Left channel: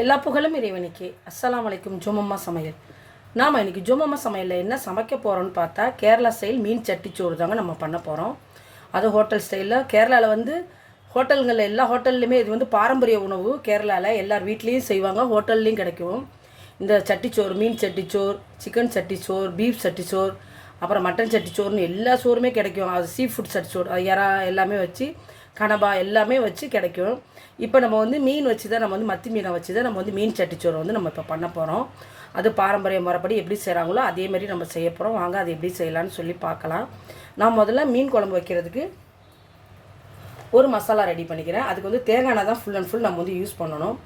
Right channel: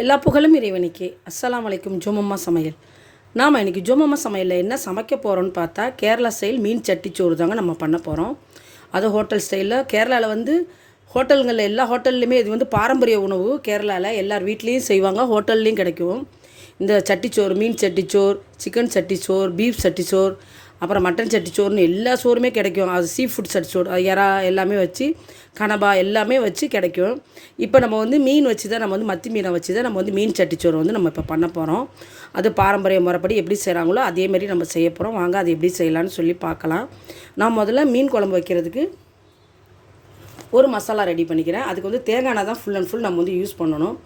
எல்லா புகழும் இறைவனுக்கே. அஸ்ஸலாமு அலைக்கும். ஜோமம்மா சமையல். நாம் இன்றைக்கி ஜோமம்மா சமையலில் என்ன சமைக்க போகிறோன்னு பார்த்தா, கேரளா ஸ்டைல் மீன் சட்டிச்சோறு தாங்க நம்ம பண்ண போகிறோம். அது ஹோட்டல் ஸ்டைலில். கேரளாவில் ஹோட்டல்களில் எல்லா ஹோட்டல்லையுமே இது பாரம்பரிய உணவு. கேரளாவில் எல்லார் வீட்லேயும் செய்வாங்க, ஹோட்டல்லையும் கிடைக்கும். இந்த சட்டிச்சோறு, மீன் சட்டிச்சோறு, சிக்கன் சட்டிச்சோறு, பீஃப் சட்டிச்சோறு, அப்புறம் மட்டன் சட்டிச்சோறுன்னு எல்லா சோறுமே கிடைக்கும். அது சீ ஃபுட் சட்டிச்சோறு, அது இறா எல்லாமே வச்சு, கனபா எல்லாமே வச்சு கிடைக்கும். இப்போ நம்ம மீன் வச்சு தான் மத்தி மீனை வச்சு தான் நம்ம மீன் சட்டிச்சோறு நம்ம இப்போ பண்ண போகிறோம். அது பாரம்பரிய முறைப்படி எப்படி செய்கிறாங்களோ அதேமாரி நம்ம செய்ய போகிறோம். வாங்க அது எப்படி செய்யலான்னு சொல்லி பார்க்கலாம். நான் முதல்ல மீன் குழம்பு வைக்கிறதுக்கு ஒரு மசாலா ரெடி பண்ணிக்கிறேன். அதுக்கு தேங்காய் எண்ணெய் தான் ஃபுல் அண்ட் ஃபுல் நம்ம யூஸ் பண்ணணும்.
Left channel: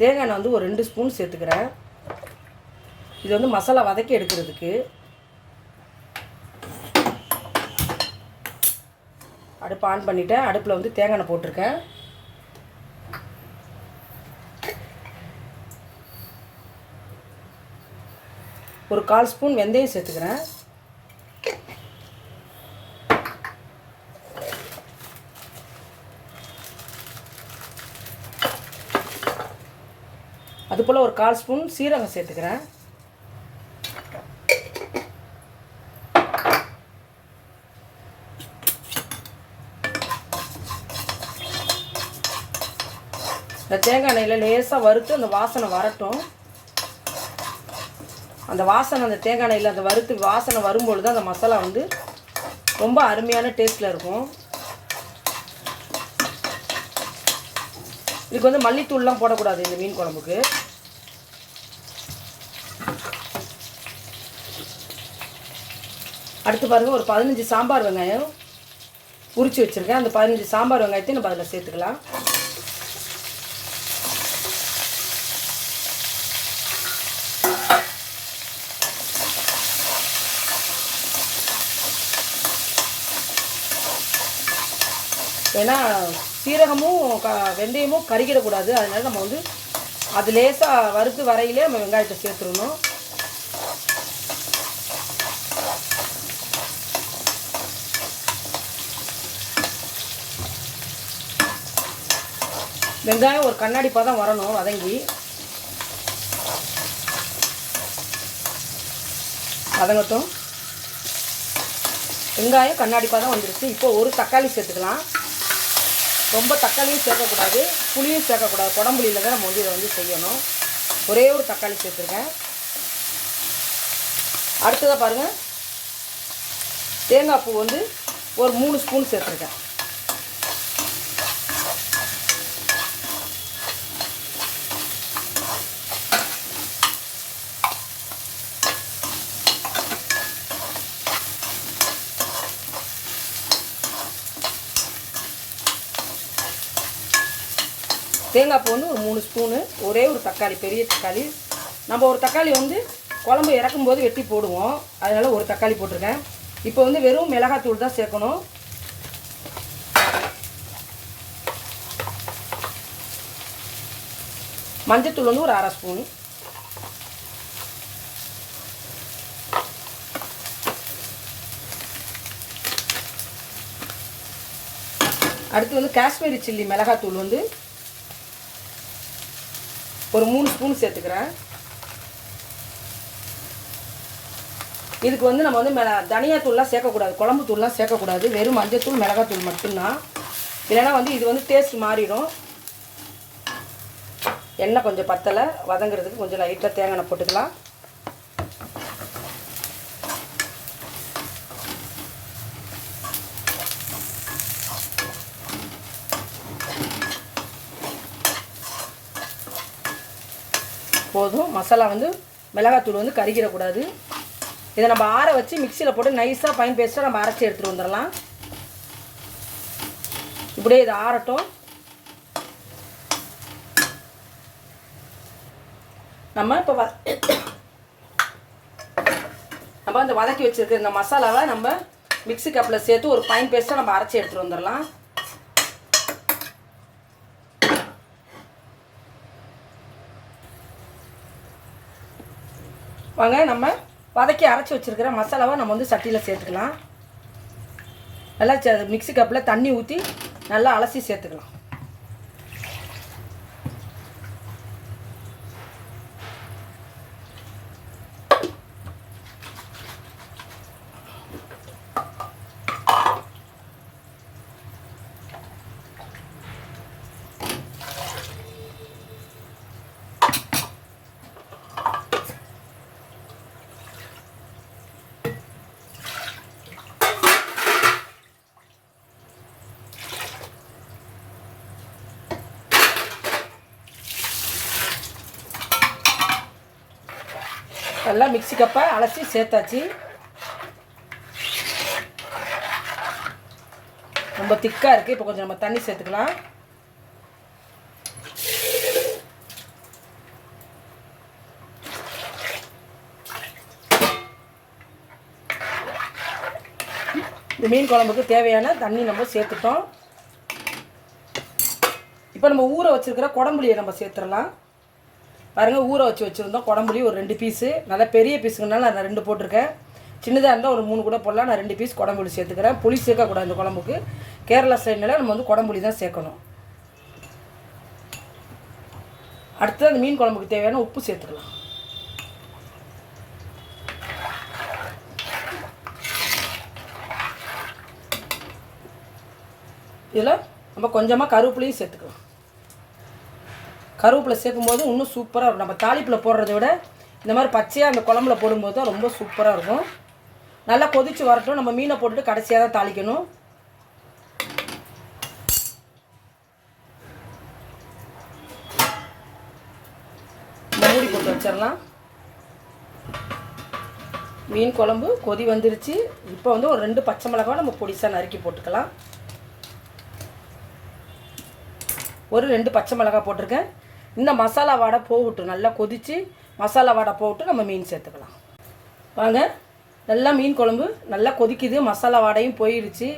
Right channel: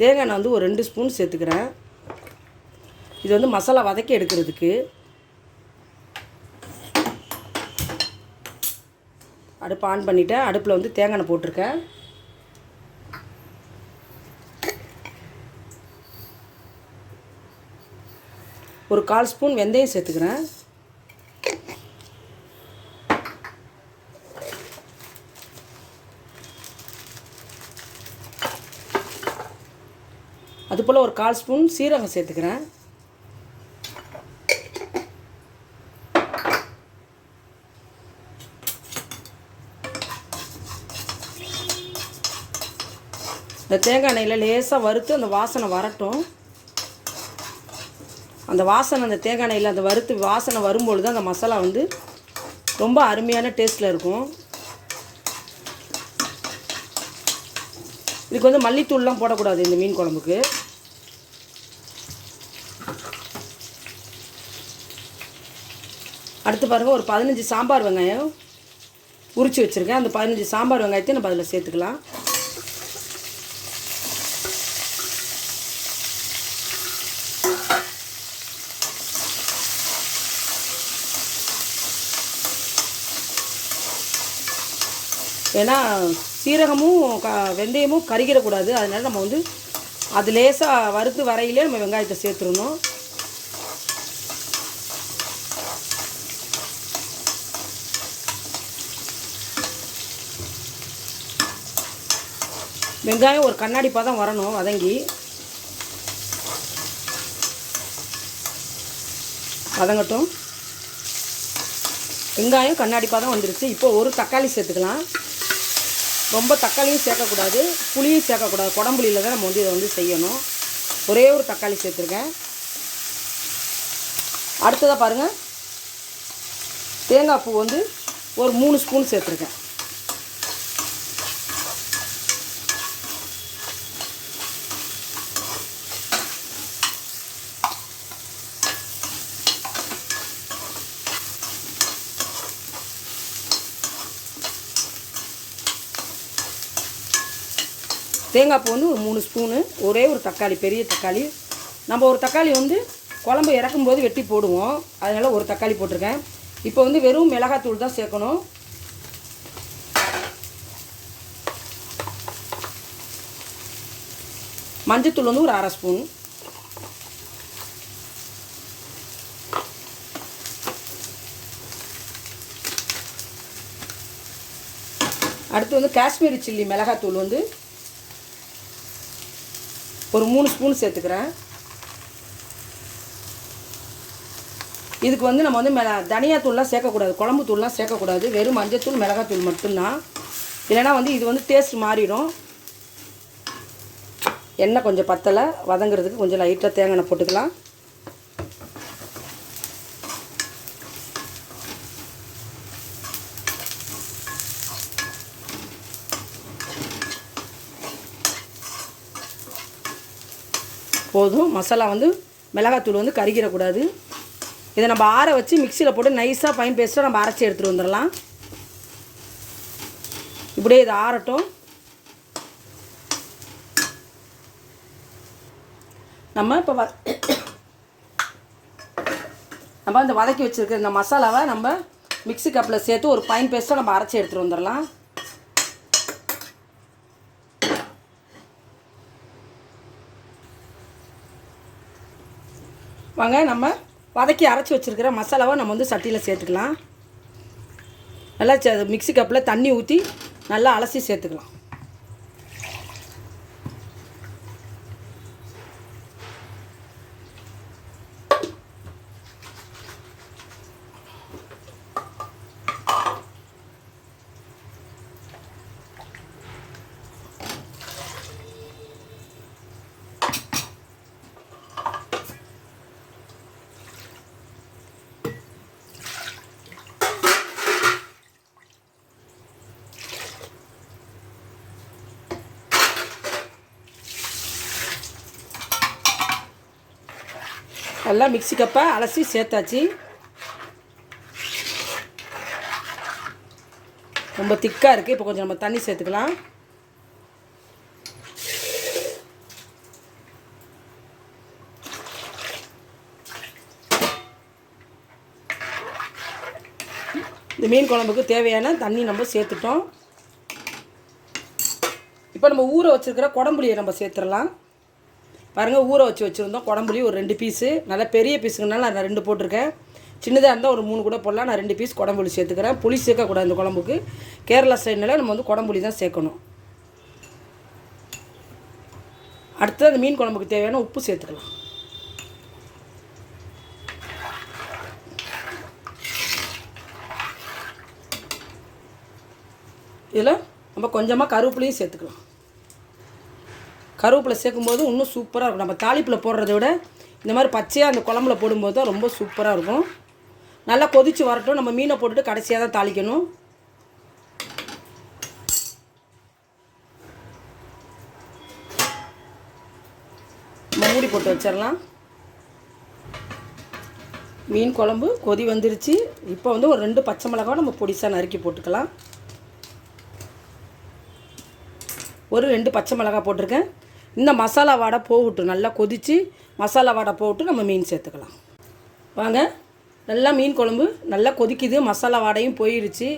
தேங்காய் எண்ணெய் ஒரு 2 ஸ்பூன் சேர்த்துக்கிறேன். இது மசாலா வதக்கி எடுக்கிறதுக்கு. அடுப்பு ஆன் பண்ணிவிட்டேன். அடுப்பில் தேங்காய் எண்ணெய் போட்டிருக்கேன். ஒரு 1/4 ஸ்பூன் வெந்தயம் சேர்த்துக்கிறேன். அதுபோல் ஒரு 1/4 ஸ்பூன் சீரகம் சேர்த்துக்கிறேன். இந்த தேங்காய் எண்ணெயில் லேசாக வறுத்து அந்த வாசனை வரட்டும். அந்த வாசனை அந்த தேங்காய் எண்ணெயில் அந்த வறுத்து வாசனை வரும்பொழுது அந்த மசாலா ரொம்ப அருமையான டேஸ்ட்டில் இருக்கும். இதுக்கு மல்லித்தூள்லாம் போடக்கூடாது இந்த மீன் குழம்புக்கு. அடுத்து பாருங்கள், ஒரு 15 சாம்பார் வெங்காயம் உரித்து வச்சுருக்கேன். அந்த 15 சாம்பார் வெங்காயத்தையும் நம்ம அதில் சேர்த்துக்கலாம். ஏன்னா சீரகமும் வெந்தயமும் கருகிடக்கூடாது. அதனால நம்ம அது லேசாக வறுத்து வரையிலே நம்ம வெங்காயத்தை சேர்த்துடணும். வெங்காயம் ஒரு கண்ணாடி பதம் வரணும் வதங்கி. வதங்கட்டும். வெங்காயம் கண்ணாடி பதம் வந்துருச்சு. இப்போ ஒரு தக்காளி சேர்த்துக்கலாம். ரொம்ப தக்காளியும் சேர்க்கக்கூடாது, புளியும் சேர்க்கக்கூடாது. குடம்புளியில் தான் நம்ம இதை செய்யணும். ஒரே ஒரு தக்காளி சேர்த்துருக்கேன். அடுத்ததாக பாருங்கள், தேங்காய் பூ ஒரு 3 ஸ்பூன் சேர்த்துருக்கேன். தேங்காய் பூ ஒரு 3 ஸ்பூனு, ஒரே ஒரு தக்காளி, பெரிய தக்காளி. நம்ம ஒரு தக்காளி குழம்பு இறக்கும்போது வெட்டி போடுவோம். அதனால் ஒரு தக்காளி போட்டிருக்கேன். இப்போ வெறும் மிளகாத்தூள் தான் சேர்க்கணும். மஞ்சத்தூள் ஒரு 1/2 ஸ்பூன். அடுத்து காஷ்மீரி சில்லி மிளகாத்தூள் ஒரு 3 ஸ்பூன் சேர்த்துக்கிறேன். இதுக்கு நம்ம தனியாத்தூள்லாம் சேர்க்கக்கூடாது, குழம்பு தூள்லாம் சேர்க்கக்கூடாது. வெறும் மஞ்சத்தூள் மிளகாத்தூள் மட்டும்தான். இல்லைன்னா இது டேஸ்ட் மாறிடும். எண்ணெய் கொஞ்சம் பத்தலை, வதங்கிறதுக்கு கொஞ்சம் லைட்டாக தேங்காய் எண்ணெய் போட்டுக்கலாம். போதும். மசாலா மிளகாத்தூள் கருகிடக்கூடாது. இதை நம்ம ஆற வச்சு மிக்சியில் போட்டு நைஸாக ஃபைன் பேஸ்ட்டாக நம்ம அரைச்சி எடுத்துகிட்டு வந்துடலாம். இப்படியே இதை ஆறட்டும். நம்ம இப்போ அந்த வதக்கி வச்சுருக்க இந்த மசாலாவை நம்ம மிக்சி கப்பில் சேர்த்து ஒரு ஃபைன் பேஸ்ட்டாக நம்ம அரைச்சி எடுத்துகிட்டு வந்துடலாம். வாங்க, நம்ம வதக்கி அரைச்சி வச்சுருக்கிற மசாலாவை நம்ம சட்டியில் சேர்த்துக்கலாம். நல்லா மிக்சி கப்பில் தண்ணி ஊற்றி நல்லா அலசி சேர்த்துக்கலாம். நல்லா மிக்ஸி கப்பை அலசி சேர்த்தாச்சு. ரொம்ப திக்காக இருக்குது. இப்போ கொஞ்சம் நம்ம தண்ணி சேர்த்துக்கலாம். இந்த மீன் குழம்புக்கு தேவையான தண்ணி நம்ம சேர்த்துட்டோம். இப்போ நம்ம ஊற வச்சுருக்கிற குடம்புளியை நம்ம சேர்த்துடலாம். பாருங்கள், ஊற வச்சுருந்தோம் குடம்புளி ஒரு 2 பீஸு. நல்லா பெரிய பீஸுங்கனால நான் 2 போட்டிருக்கேன். சின்னதாக இருந்தால் ஒரு 3 கூட போடலாம். நான் 2 பீஸ் குடம்புளி சேர்த்துக்கிறேன். புளி சேர்க்கக்கூடாது இந்த குழம்புக்கு. கேரளா ஸ்டைல்னால நம்ம வந்து குடம்புளி தான் சேர்க்கணும். அடுத்தது அந்த மீன் குழம்புக்கு தேவையான உப்பு சேர்த்துக்கலாம். இதில் நம்ம கொஞ்சமாக கருவேப்பிலையும் சேர்த்துக்கலாம். கருவேப்பிலை சேர்க்கும்போது இன்னும் சூப்பராக இருக்கும். நம்ம தாளிப்பில் போடுறத விட இந்த மாதிரி பச்சையாக அந்த குழம்புல போடும்போது தான் ரொம்ப சூப்பராக இருக்கும். நல்லா கொதித்து வரட்டும். நம்ம மீனை போட்டுட்டு கடைசியாக தான் தாளிக்கணும். மூடி போட்டு வச்சிடலாம். மீன் குழம்பு கொதி வந்துருச்சு. இப்போ வந்து ஒரு 2 பச்சை மிளகாய் நம்ம பொடிசாக நறுக்கி போட்டுக்கலாம். ஒரு 2 பச்சை மிளகாய் போட்டிருக்கேன். இந்த மசாலா வாடை போகட்டும். நல்லா கொதித்து மசாலா வாடை போட்டு நம்ம மீன் சேர்த்துக்கலாம். வாங்க, நல்லா மீன் குழம்பு நல்லா கொதிக்குது. மசாலா வாடையும் போயிடுச்சு.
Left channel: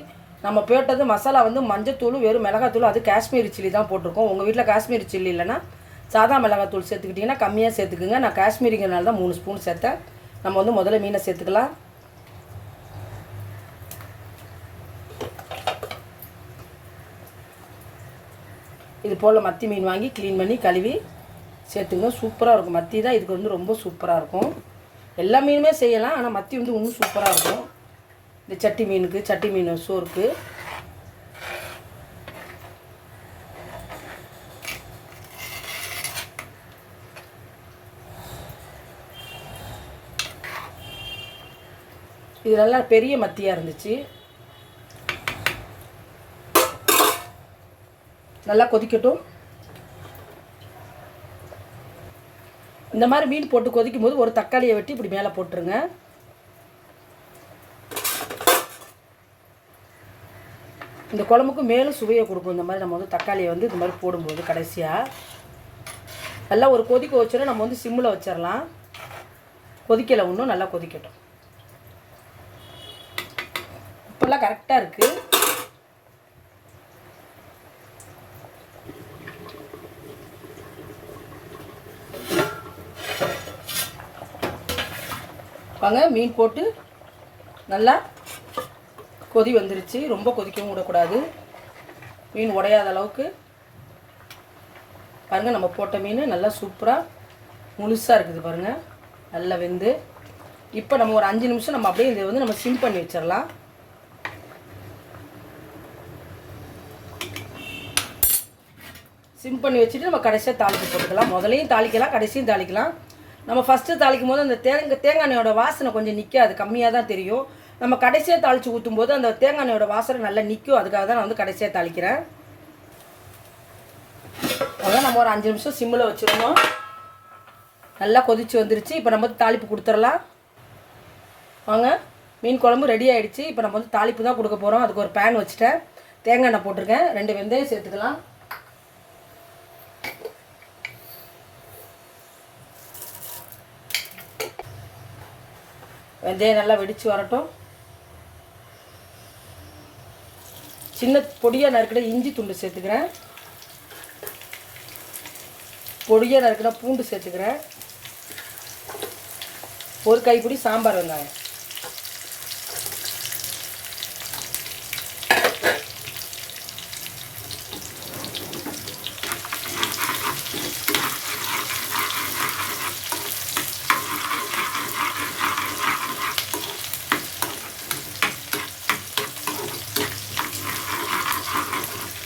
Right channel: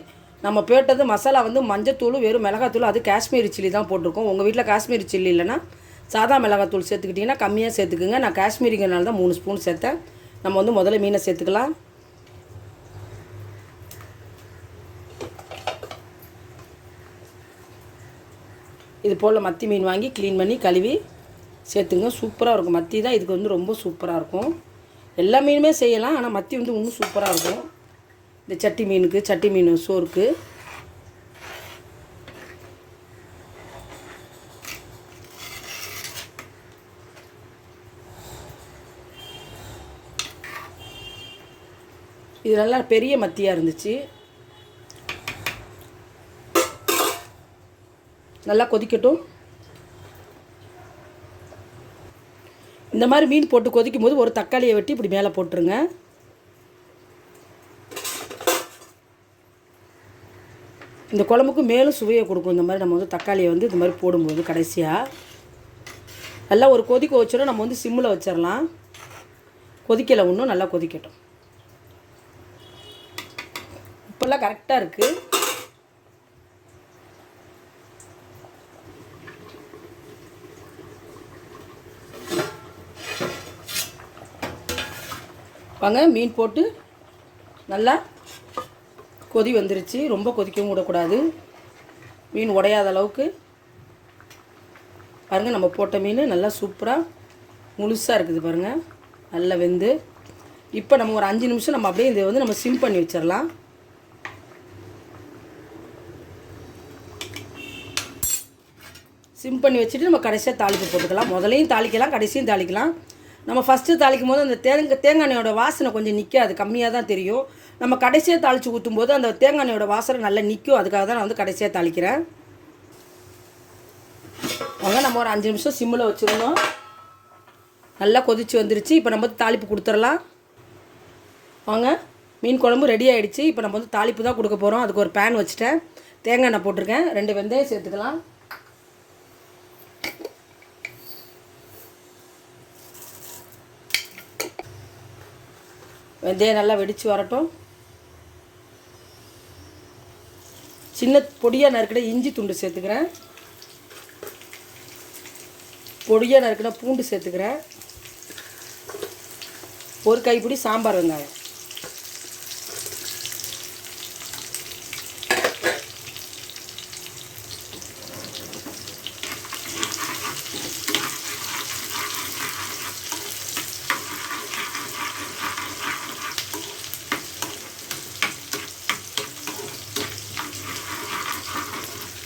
நம்ம போட்டது மசாலா வந்து மஞ்சத்தூள், வெறும் மிளகாத்தூள், அது காஷ்மீரி சில்லி தான் போட்டிருக்கோம். உங்கள் வீட்டில் காஷ்மீரி சில்லி இல்லைன்னா சாதா மிளகாத்தூள் சேர்த்துக்கிட்டிங்கன்னா கம்மியாக சேர்த்துக்குங்க. நான் காஷ்மீரிங்கிறனால தான் 3 ஸ்பூன் சேர்த்தேன். நம்ம வந்து முதல்ல மீனை சேர்த்துக்கலாம். இது போல் மத்தி மீன் வாங்கி க்ளீன் பண்ணி கழுவி சேர்த்துங்க. சூப்பராக இருக்கும். மத்தி தான் இதுக்கு வந்து ரொம்ப சூப்பராக இருக்கும். எல்லா மீனுமே செய்யலாம், ஆனால் மத்தி வந்து இன்னும் சூப்பராக இருக்கும். இந்த சட்டி மீனுக்கு, சட்டி மீன் சோறுக்கு. இது நல்லா பெரிய மத்தியாக இருந்துச்சு. நல்லா கொதிக்கட்டும். இந்த மாதிரி மீன் போட்டு கொதிக்கும் போது ஒரு தக்காளியை வெட்டி இப்படி மேலே போட்டுருங்க. இந்த குழம்புக்கு மேலும் சுவையை கொடுக்கும். இந்த மாதிரி நம்ம வந்து தக்காளியை வந்து இந்த மாதிரி போடும்போது கடைசியாக நல்லா ஒரு கொதிக்க வச்சிடும். நம்ம வந்து சிம்மில் வச்சிடலாம். கொதிக்கலை இன்னும், நல்லா கொதிக்கட்டும். இப்போல்லாம் கரெக்டாக இருக்குது. வாங்க, மீன் போட்டு நல்லா கொதி வந்துருச்சு. ரொம்ப கொதிக்கவும் விடக்கூடாது. மீன் உடையாத அளவுக்கு பாருங்கள். நம்ம போட்ட மீன் நல்லா சூப்பராக முழுசாக இருக்குது பாருங்கள், நல்லா வெந்து. இப்போ நம்ம ஒரு 5 நிமிஷம் நம்ம அப்படியே இதை வந்து நம்ம சிம் பண்ணி வச்சிடலாம். சிம் பண்ணி வச்சுட்டு நம்ம கடைசியாக தாளித்து போட்டுக்கலாம். முதலையும் தாளிக்கலாம், கடைசியும் தாளிக்கலாம். நம்ம ஃபஸ்ட்டு தாளிக்கும் போது அந்த தேங்காய் எண்ணெயோட வாசனை கொஞ்சம் நிற்காது, கம்மியாக தான் தெரியும். நம்ம கடைசியாக தாளித்து ஊற்றும் போது அந்த தேங்காய் எண்ணெயோட வாசனை நல்லா நிற்கும். அதுக்காக தான் நான் வந்து கடைசியாக தாளிக்கிறேன். நம்ம ஒரு 5 நிமிஷம் சிம்மில் வச்சுருந்தோம். நல்லா கொதித்து வந்துருச்சு. இப்போ நம்ம வந்து தாளிப்பு கொடுத்துடலாம். வாங்க, மீன் குழம்பு ரெடி ஆகிடுச்சு. இப்போ நம்ம வந்து தாளிப்பு தான் கொடுக்க போகிறோம். அதுக்கு ஒரு பேன் வச்சுட்டேன். தேங்காய் எண்ணெய் போட்டிருக்கேன். 2 வெந்தயம் சேர்த்துக்கலாம். வெந்தயம் நல்லா வெடித்து வரட்டும். சின்ன பொடியாக நறுக்கிற இஞ்சி துண்டு சேர்த்துக்கிறேன். பொடியாக நறுக்கிற பூண்டு சேர்த்துக்கிறேன். ஒரு கைப்பிடி சாம்பார் வெங்காயம்.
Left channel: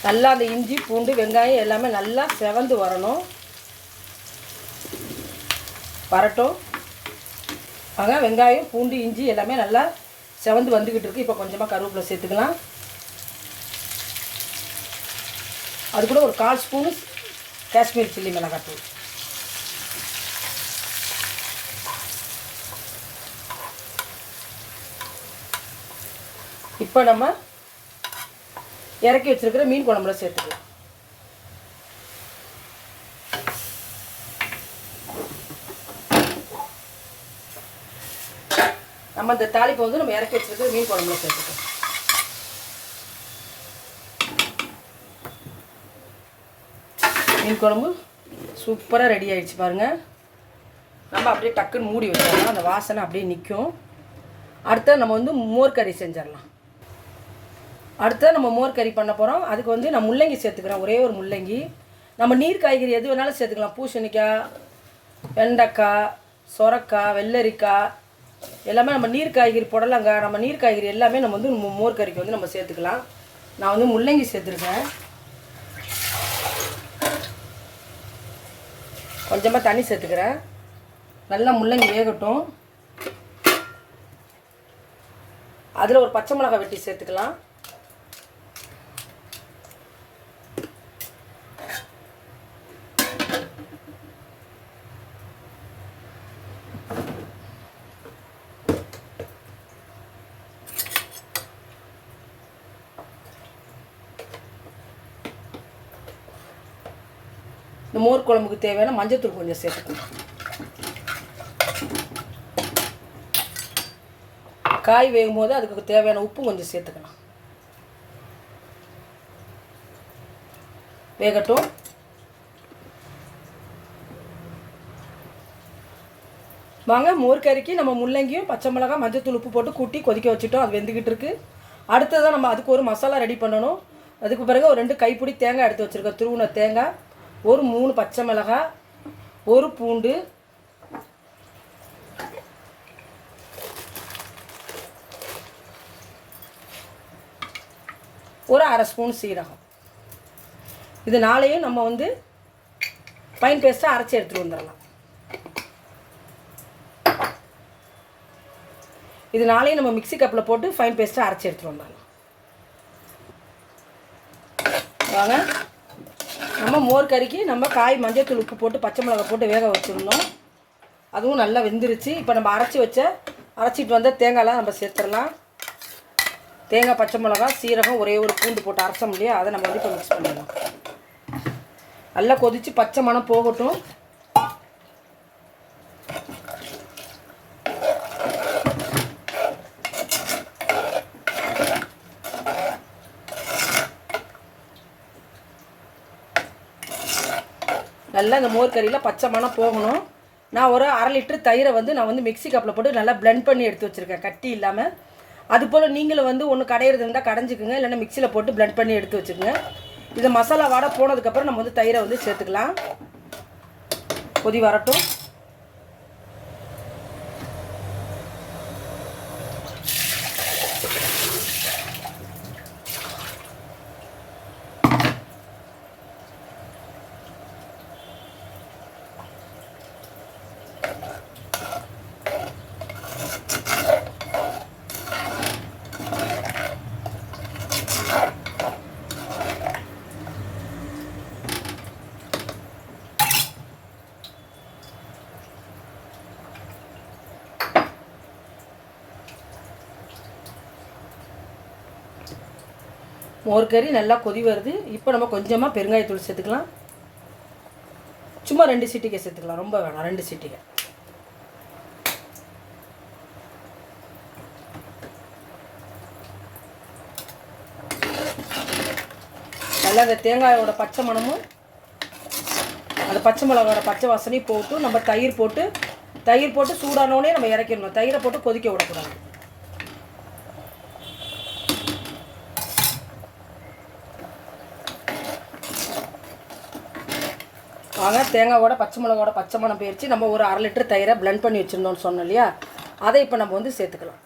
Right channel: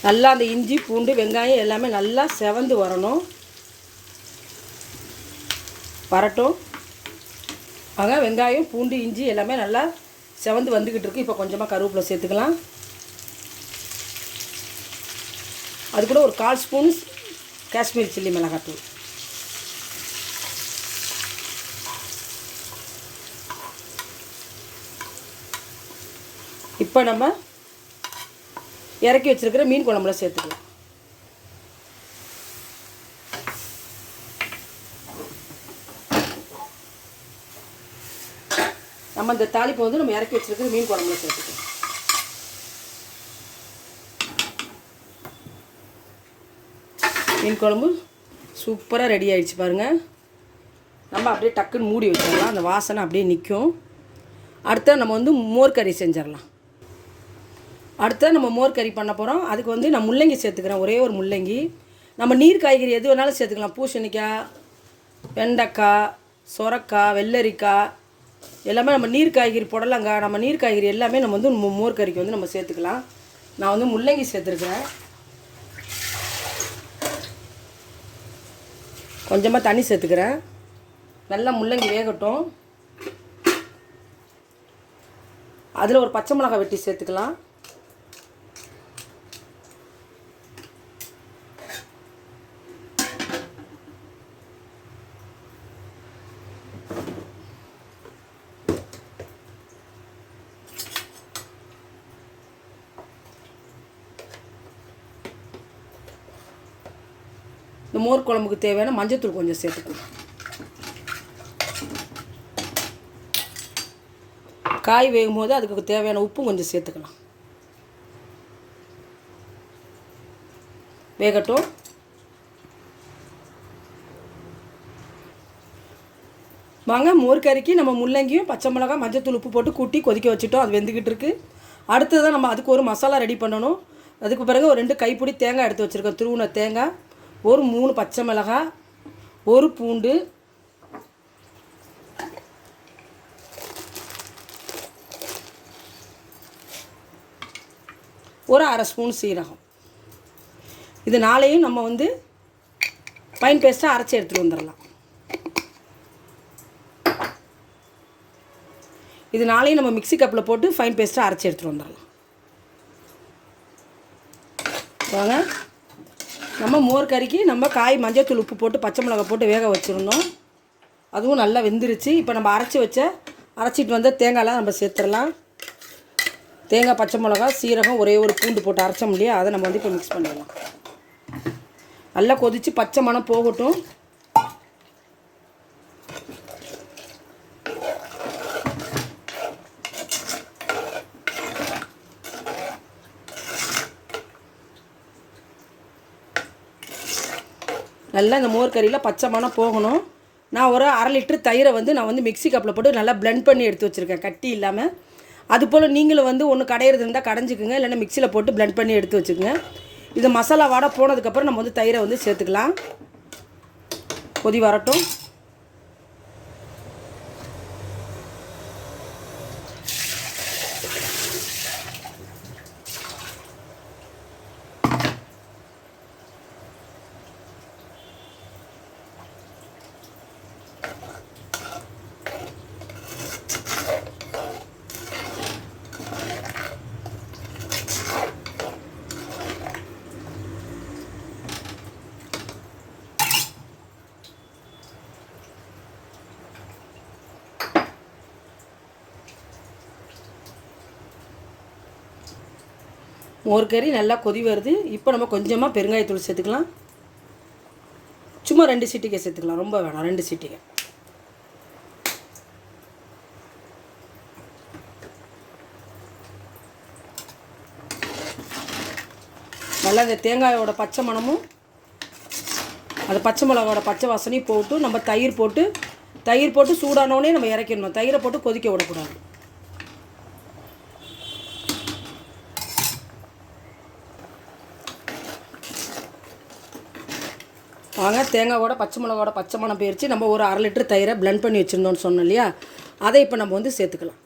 நல்லா அந்த இஞ்சி பூண்டு வெங்காயம் எல்லாமே நல்லா செவந்து வரட்டும். ஆக வெங்காயம் பூண்டு இஞ்சி எல்லாமே நல்லா செவந்து வந்துக்கிட்டு இருக்குது. இப்போ கொஞ்சமாக கருவேப்பிலை சேர்த்துக்கலாம். அது கூட ஒரு 1/4 ஸ்பூனு காஷ்மீர் சில்லி மிளகாத்தூள். இப்போ நம்ம இறக்கி வச்சுருக்கிற மீன் குழம்புல சேர்த்துக்கலாம். நம்ம இந்த தாளிப்பை வந்து நம்ம இறக்கி வச்சுருக்கிற மீன் குழம்புல சேர்த்துக்கலாம். மீன் குழம்பு சூப்பராக ரெடி ஆகிடுச்சு பாருங்கள். நம்ம அப்படியே டக்குன்னு மூடி வச்சிடலாம், அந்த வாசனை அப்படியே நிற்கும். அடுத்த நம்ம வந்து மோர் கறி செஞ்சிடலாம். அடுத்த நம்ம மோர் கறி பண்ண போகிறோம். அதுக்கு வந்து நான் முள்ளங்கி சேர்த்துக்கிறேன், ஒரே ஒரு முள்ளங்கி. நம்ம நீர் காய்கறி எது வேணாலும் சேர்த்துக்கலாம். பூசணிக்காய், வெண்டைக்காய், சொரக்காய், வெள்ளரிக்காய் எல்லாமே நம்ம நீர் காய்கறி புடலங்காய், நம்ம நீர் காய்கறி எல்லாமே நம்ம வந்து மோர் கறிக்கு வந்து நம்ம சேர்த்துக்கலாம். நான் வந்து முள்ளங்கி சேர்த்துருக்கேன். கொஞ்சமாக தண்ணி சேர்த்துக்கிறேன். நல்லா முள்ளங்கி வேகட்டும். அதில் ஒரு பச்சை மிளகாய் வெட்டி சேர்த்துக்கலாம். இந்த மோர் குழம்புக்கு தேவையான மஞ்சள்தூள் கொஞ்சம் சேர்த்துக்கலாம். காய் வேகும் போது அதுக்கு தேவையான உப்பு கொஞ்சம் சேர்த்துக்கலாம். வேகட்டும். வாங்க, மோர் கறிக்கு நம்ம முள்ளங்கியும் பச்சை மிளகாய் மஞ்சள்தூள் உப்பு போட்டு கூட்டி கொதிக்க வச்சுட்டோம். அது வெந்துக்கிட்டு இருக்குது. அடுத்ததான் நம்ம அதுக்கு ஒரு மசாலா ரெடி பண்ணணும். அதுக்கு பிறகு ஒரு 2 கைப்பிடி தேங்காய் எடுத்து வச்சுருக்கோம். துருவின தேங்காய், ஒரு 3 பச்சை மிளகாய், ஒரு பூண்டு, ஒரு 1/2 ஸ்பூன் சீரகம். இது நாளையும் நம்ம வந்து ஃபைன் பேஸ்ட்டாக அரைச்சி எடுத்துகிட்டு வந்துடலாம். இது நாளையும் நம்ம மிக்ஸி கப்பில் போட்டு ஃபைன் பேஸ்ட்டாக அரைச்சி எடுத்துகிட்டு வந்துடலாம். வாங்க, நம்ம மோர் கறிக்கு நம்ம காய் மஞ்சள்தூள் உப்பு போட்டு பச்சை மிளகாய் போட்டு வேக வச்சுருந்தோம். அதுவும் நல்லா வெந்துருச்சு. இப்போ நம்ம அரைச்சிட்டு வந்த தேங்காயெலாம் நம்ம சேர்த்துடலாம். தேங்காய், பச்சை மிளகாய், சீரகம், ஒரே ஒரு பூண்டு போட்டு அரைச்சோம் இல்லையா, அதை நம்ம வந்து இப்போ மிக்ஸ் பண்ணிடலாம். நல்லா கொதித்து பச்சை மணம் போகட்டும். நல்லா இந்த மோர் கறியில் பச்சை மணம் போகணும். நான் ஒரு 1/2 லிட்டர் தயிரை வந்து நான் வந்து மிக்ஸி கப்பில் போட்டு நல்லா பிளெண்ட் பண்ணி எடுத்து வச்சுருக்கேன், கட்டி இல்லாமல். அதுபோல் நீங்களும் வந்து ஒன்று கடையிறது இருந்தால் கடைஞ்சிக்குங்க, இல்லைன்னா மிக்சியில் போட்டு பிளெண்ட் பண்ணி எடுத்து வச்சுக்கோங்க. இது மசாலா வாடை போனதுக்கப்புறம் நம்ம வந்து தயிரை வந்து சேர்த்துக்கலாம். கொதி வரட்டும். மோர் கறி நல்லா கொதி வருது. இப்போ நம்ம கொஞ்சமாக பெருங்காயத்தூள் சேர்த்துக்கலாம். சும்மா 2 சிட்டிகை சேர்த்துக்கலாம், ரொம்ப வேணாம், 2 சிட்டிகை. நல்லா இந்த தேங்காயோட பச்சை மணமும் அந்த பச்சை மிளகாவோட பச்சை வாசனையும் போட்டு நம்ம தயிர் போட்டு சூடானோடனே நம்ம இறக்கிடணும். தயிரை போட்டு கொதிக்க விடக்கூடாது. வாங்க, தேங்காயோட பச்சை மிளகாவோட பச்சை மணம் போயிடுச்சு. நம்ம ஒரு 1/2 லிட்டர் தயிரை பிளெண்ட் பண்ணி வச்சுருந்தோம்னு சொன்னோம் இல்லையா, அதை இப்போ நம்ம வந்து சேர்த்துக்கலாம்.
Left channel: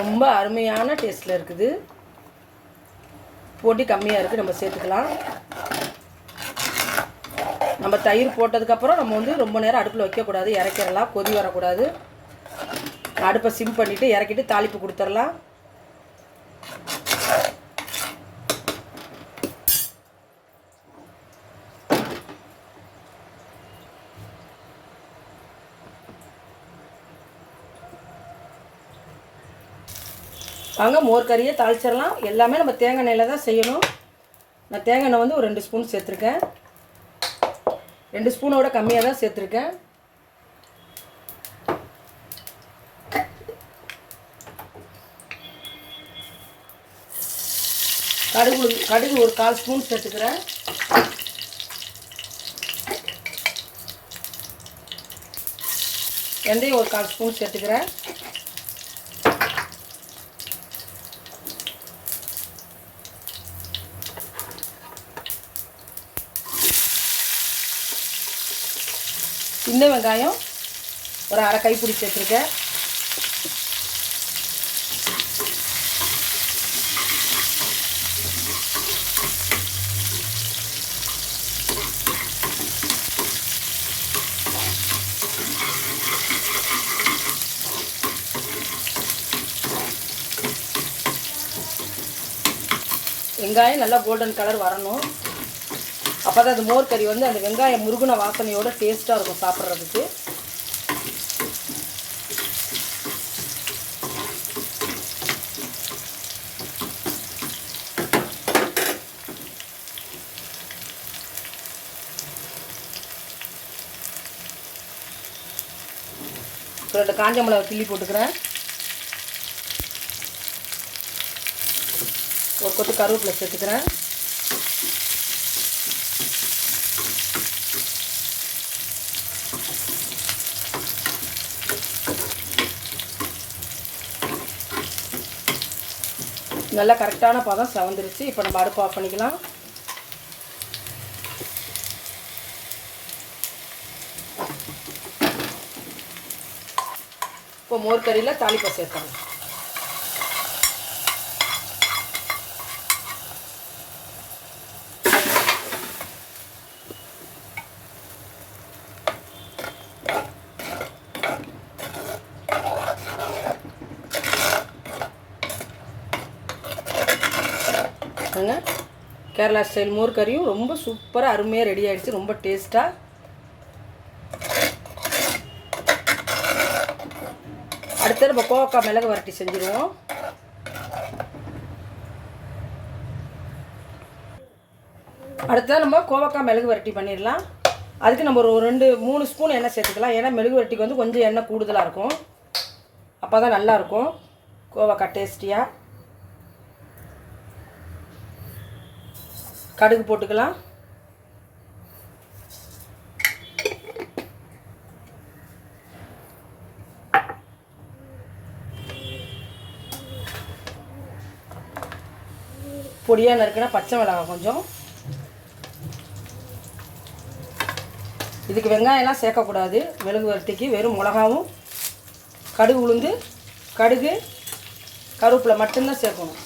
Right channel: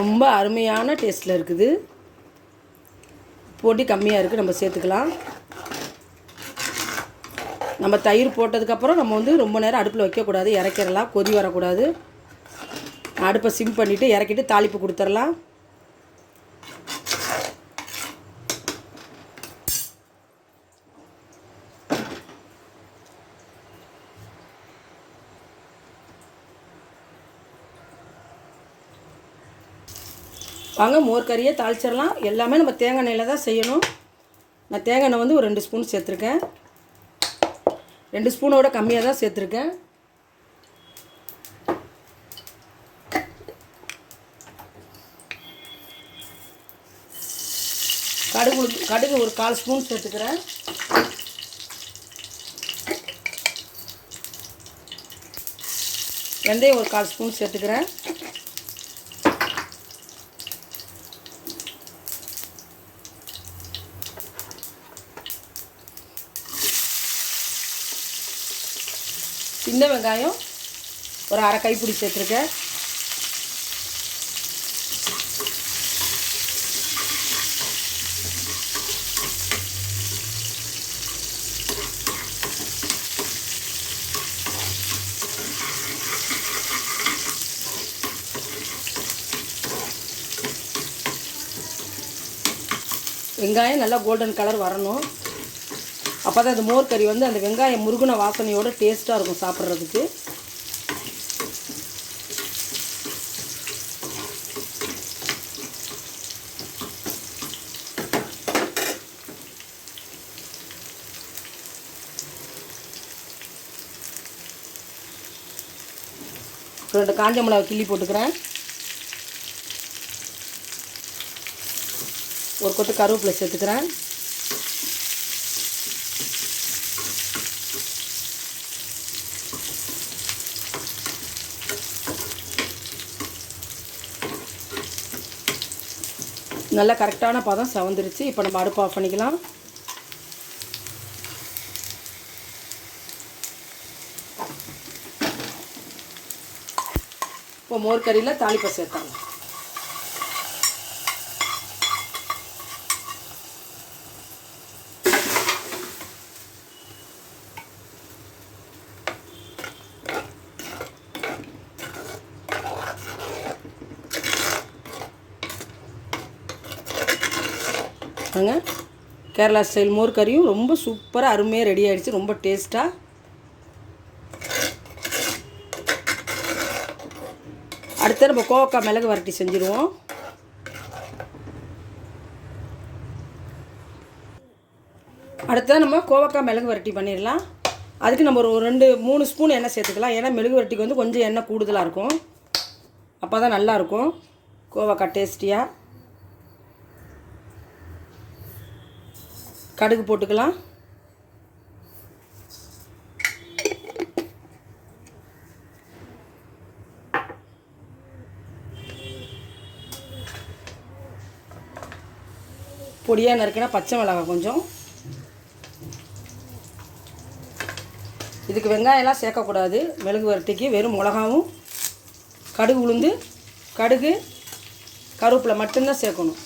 ரொம்ப அருமையான டேஸ்ட்டில் இருக்குது. பொடி கம்மியாக இருக்குது, நம்ம சேர்த்துக்கலாம். நம்ம தயிர் போட்டதுக்கப்புறம் நம்ம வந்து ரொம்ப நேரம் அடுப்பில் வைக்கக்கூடாது, இறக்கிடலாம். கொதி வரக்கூடாது. அடுப்பை சிம் பண்ணிவிட்டு இறக்கிட்டு தாளிப்பு கொடுத்துடலாம். வாங்க மோர் கறியை தாளிச்சிடலாம். எல்லாமே நம்ம தேங்காய் எண்ணெயில் தான் செய்யணும். நான் தேங்காய் எண்ணெய் வந்து ஒரு 2 ஸ்பூன் சேர்த்துருக்கேன். 2 ஸ்பூனோட கம்மியாக தான் சேர்த்துருக்கேன். கடுகு ஒரு 1/4 ஸ்பூன் சேர்த்துக்கிறேன். வெந்தயம் ஒரு 1/4 ஸ்பூன் சேர்த்துக்கிறேன். சின்ன வெங்காயம் ஒரு 1/2 கைப்பிடி சேர்த்துருக்கேன். வெங்காயம் நல்லா கோல்டன் கலர் வரணும். அப்போ தான் அந்த மோர் கறி வந்து அந்த வெங்காயம் முருகுன வாசனையோட டேஸ்ட்டாக இருக்கும் சாப்பிட்றதுக்கு. ரெண்டு காஞ்ச மிளகாய் கிள்ளி போட்டுக்கிறேன். ஒரு கொத்து கருவேப்பிலை சேர்த்துக்கிறேன். நல்லா கரெக்டான பதம் செவந்துருச்சு. இப்போ நம்ம அடுப்பு ஆஃப் பண்ணிக்கலாம். இப்போ மோர் கறியில் தாளிப்பை சேர்த்தலாம். கேரளா ஸ்டைல் மோர் கறியும் ரொம்ப சூப்பராக அருமையாக ரெடி ஆகிடுச்சு. ரொம்ப டேஸ்ட்டாக. அடுத்து நம்ம கோவக்காய் மிளகு வரட்டி செஞ்சுருவோம். அடுத்தது நம்ம கோவக்காய் மிளகு வரட்டி பண்ணிடலாம். அதுக்கு நம்ம ஒரு 2-3 ஸ்பூன் எண்ணெய் சேர்த்துக்கலாம். ஏன்னா மிளகு வரட்டிக்கு வந்து கொஞ்சம் எண்ணெய் கூடுதலாக இருக்கும். அப்போ தான் நல்லாயிருக்கும் கோவக்காய் டேஸ்டியாக. கடுகு போட்டுக்கலாம். பொடியாக நறுக்கினா பச்சை மிளகாய் கொஞ்சம். இதுக்கு வெங்காயம்லாம் சேர்க்கக்கூடாது. மிளகு வரட்டிக்கு வெறும் மிளகாவும் கடுகு உளுந்து கடுகு கருவேப்பிலை மட்டும்தான் சேர்க்கணும்.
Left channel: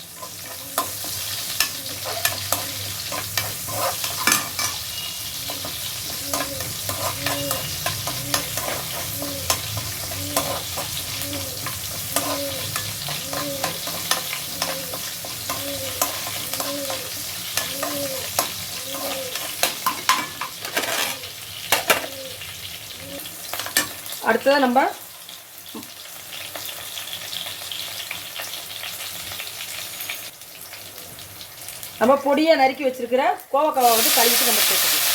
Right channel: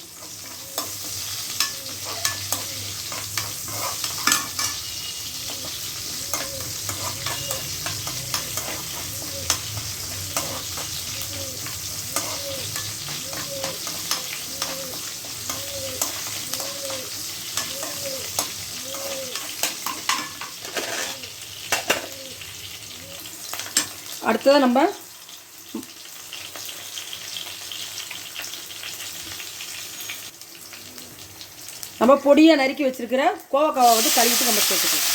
அடுத்தது நம்ம பொடியை நறுக்கி வச்சிருக்கிற கோவக்காவை வந்து கழுவிட்டு நம்ம சேர்த்துக்கலாம்.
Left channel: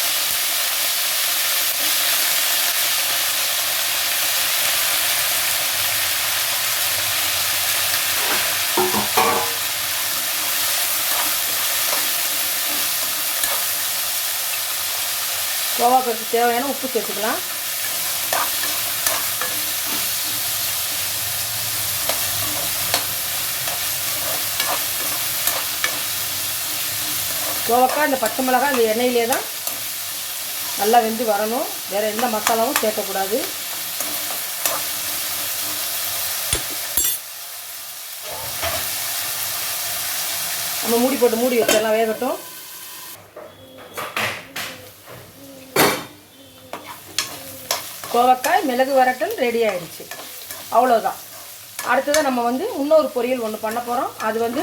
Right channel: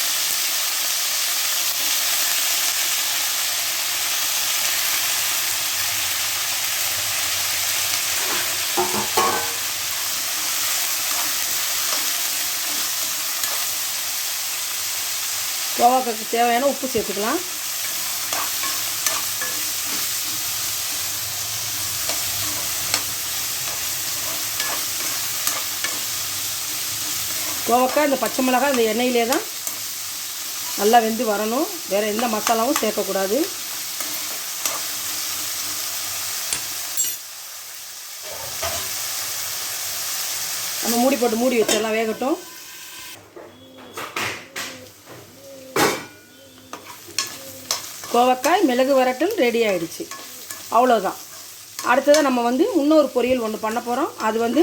கோவக்காய்க்கு தேவையான உப்பு சேர்த்துக்கலாம். கோவக்காய் இந்த பச்சை மிளகாய் இந்த எண்ணெயிலே தான் நல்லா வெந்து வரணும். வேறு எந்த மசாலாவும் சேர்க்கக்கூடாது. நம்ம மூடி போட்டு மூடி வச்சிடலாம், வேகட்டும். கோவக்காய் மிளகு வரட்டல் ரெடி ஆகிடுச்சு. அவ்வளோதான். அடுத்தது நம்ம வந்து இன்னொரு பொரியல் ஒன்று பண்ண போகிறோம். அது வந்து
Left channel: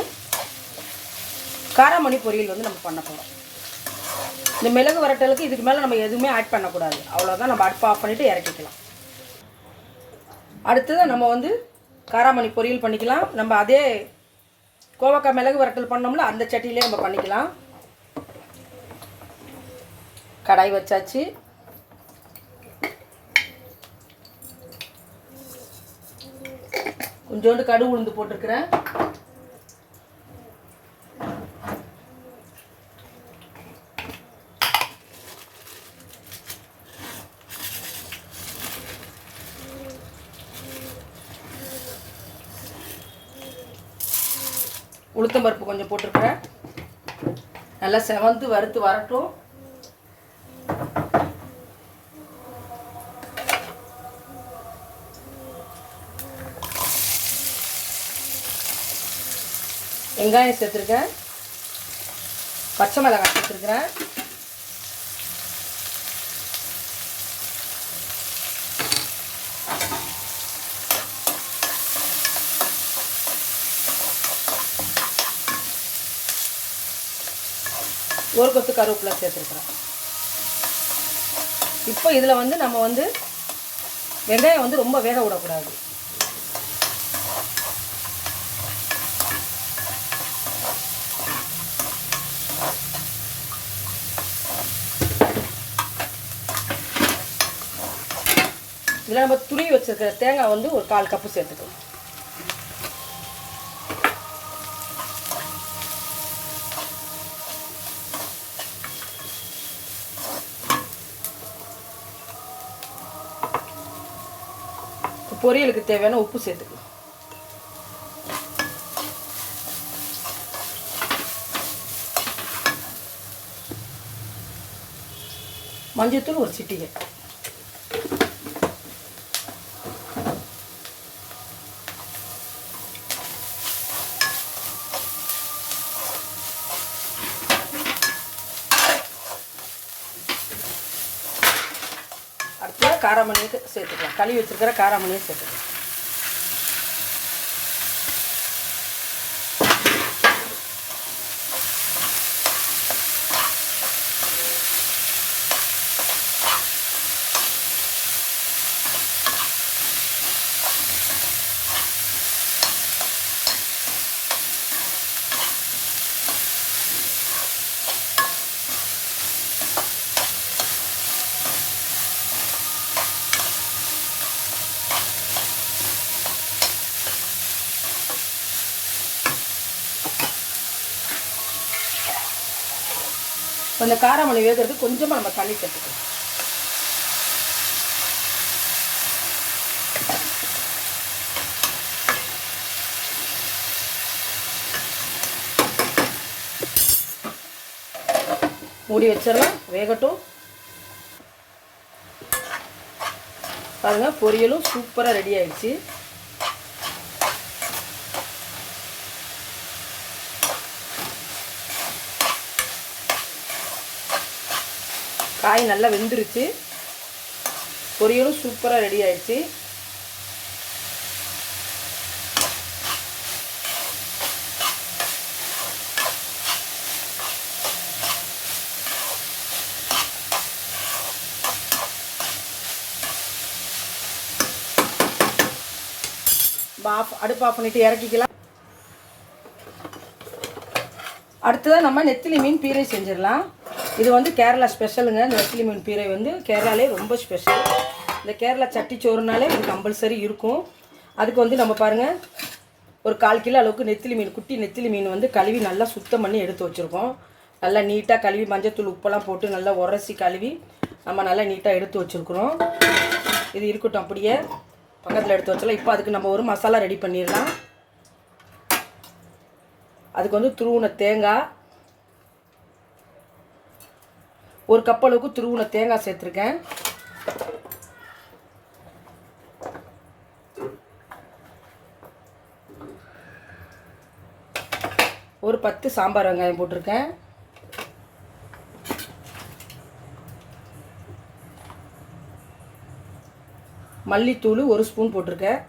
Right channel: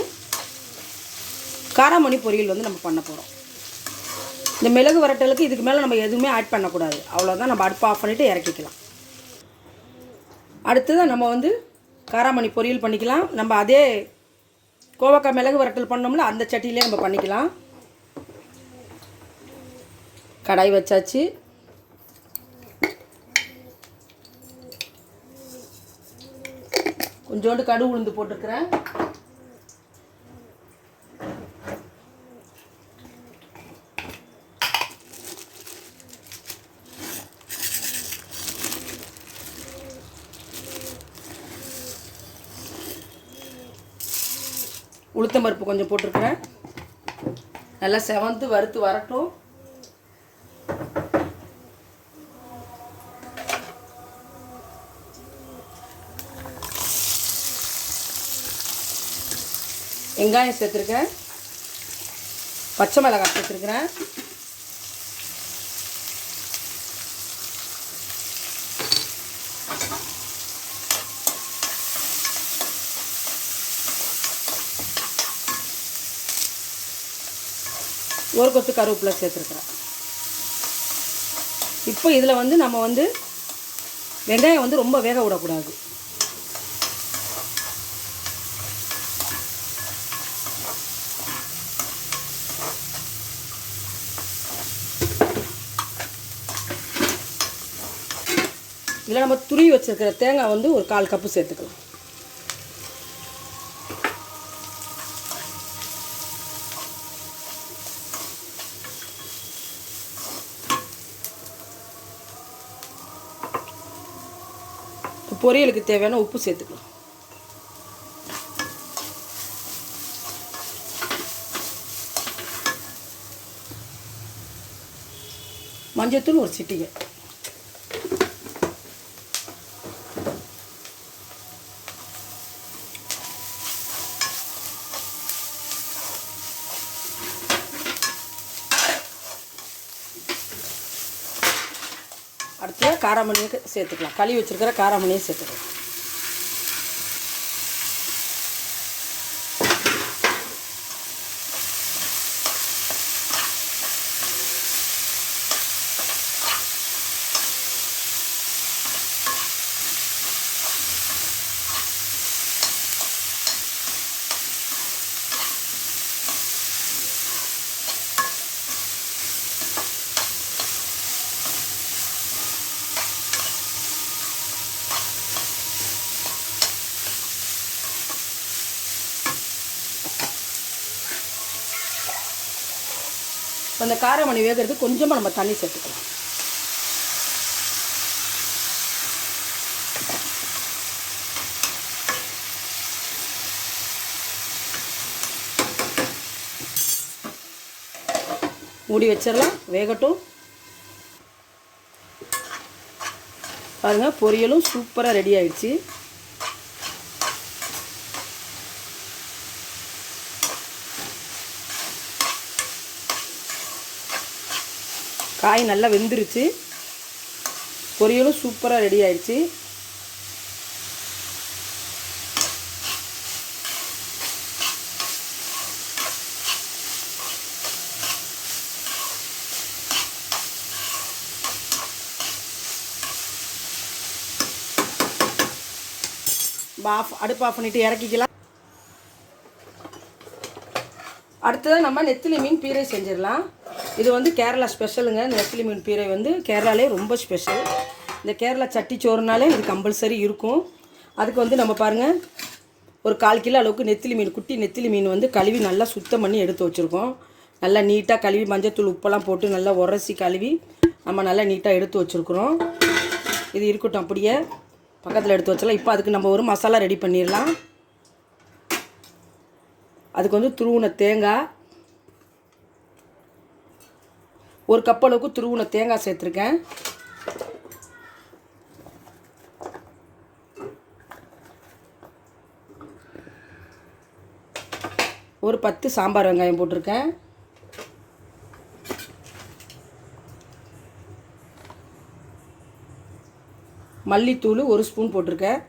காராமணி பொரியல் வந்து நம்ம பண்ண போகிறோம். இந்த மிளகு வரட்டலுக்கு இதுக்கு மேலே நம்ம எதுவுமே ஆட் பண்ணக்கூடாது. அவ்வளோதான். நம்ம அடுப்பை ஆஃப் பண்ணிவிட்டு இறக்கிக்கலாம். அடுத்தது நம்ம வந்து காராமணி பொரியல் பண்ணிக்கலாம். நம்ம அதே கோவக்காய் மிளகு வரட்டல் பண்ணோம்ல அந்த சட்டியிலே நம்ம பண்ணிக்கலாம். கடாய் வச்சாச்சு. கொஞ்சோண்டு கடுகு உளுந்து போட்டிருக்கிறேன். உளுத்தம்பருப்பு கொஞ்சம் போட்டிருக்கிறேன். நல்லா செவந்து வறுத்து வரட்டும். வெங்காயம் சேர்த்துருக்கேன். பச்சை மிளகாய் சேர்த்துருக்கிறேன். ஒரு கொத்து கருவேப்பிலை சேர்த்துருக்குறேன். இப்போ இதில் வந்து நம்ம வந்து வெங்காயம் வந்து ரொம்ப வேக விடக்கூடாது. இதில் நம்ம துருவி வச்சுருக்கிற தேங்காய் வந்து ஒரு 1/4 கப்பு சேர்த்துக்கலாம். பொரியலுக்கு தேவையான உப்பு சேர்த்துக்கலாம். மஞ்சத்தூள் ஒரு சிட்டிகை. அடுத்து காராமணியை சேர்த்துக்கலாம். கழுவி வச்சுருக்கிற காராமணியை சேர்த்துக்கலாம். அந்த காராமணி வேகிறதுக்கு கொஞ்சமாக நம்ம தண்ணி சேர்த்துக்கலாம். மூடி வச்சிடலாம், வேகட்டும். பாருங்க, பொரியலும் சூப்பராக ரெடி ஆயிடுச்சு. காய் நல்லா வெந்துருச்சு. பொரியலும் சூப்பராக ரெடி ஆயிடுச்சு. அடுப்பு ஆஃப் பண்ணிட்டு இறக்கிக்கலாம். அடுத்ததாக நம்ம நெத்திலி மீன் பீரை செஞ்சிடலாம். இது வந்து கேரளா ஸ்பெஷலுங்க. இந்த நெத்திலி மீன் பீரை வந்து கேரளாலே ரொம்ப ஸ்பெஷல். இந்த கேரளா சட்டிச்சோறுனாலே இது கம்பல்சரி இருக்கும். அதுக்கு வந்து நம்ம பாருங்கள், ஒரு 1/4 கிலோ அளவுக்கு நெத்திலி மீன், குட்டி நெத்திலி மீன் வந்து கழுவி நல்லா சுத்தம் பண்ணி எடுத்து வச்சுருக்கோம். நல்லா நீட்டாக கழுவி மஞ்சத்தூள் உப்பெல்லாம் போட்டு நல்லா உரசி கழுவி நம்ம நல்லா நீட்டாக எடுத்து வச்சுருக்குறோம். இது இருக்கட்டும், அப்படியே பக்கத்தில் எடுத்து வச்சலாம். இப்போ அதுக்கு நம்ம ஒரு மசாலா ரெடி பண்ணிடலாம். அதுக்கு வந்து துருவின தேங்காய், 1 கப் அளவுக்கு துருவின தேங்காய் சேர்த்துருக்கேன். ஒரு 10 சாம்பார் வெங்காயம் போட்டிருக்கேன். மல்லித்தூள் 1 ஸ்பூன் போட்டிருக்கேன்.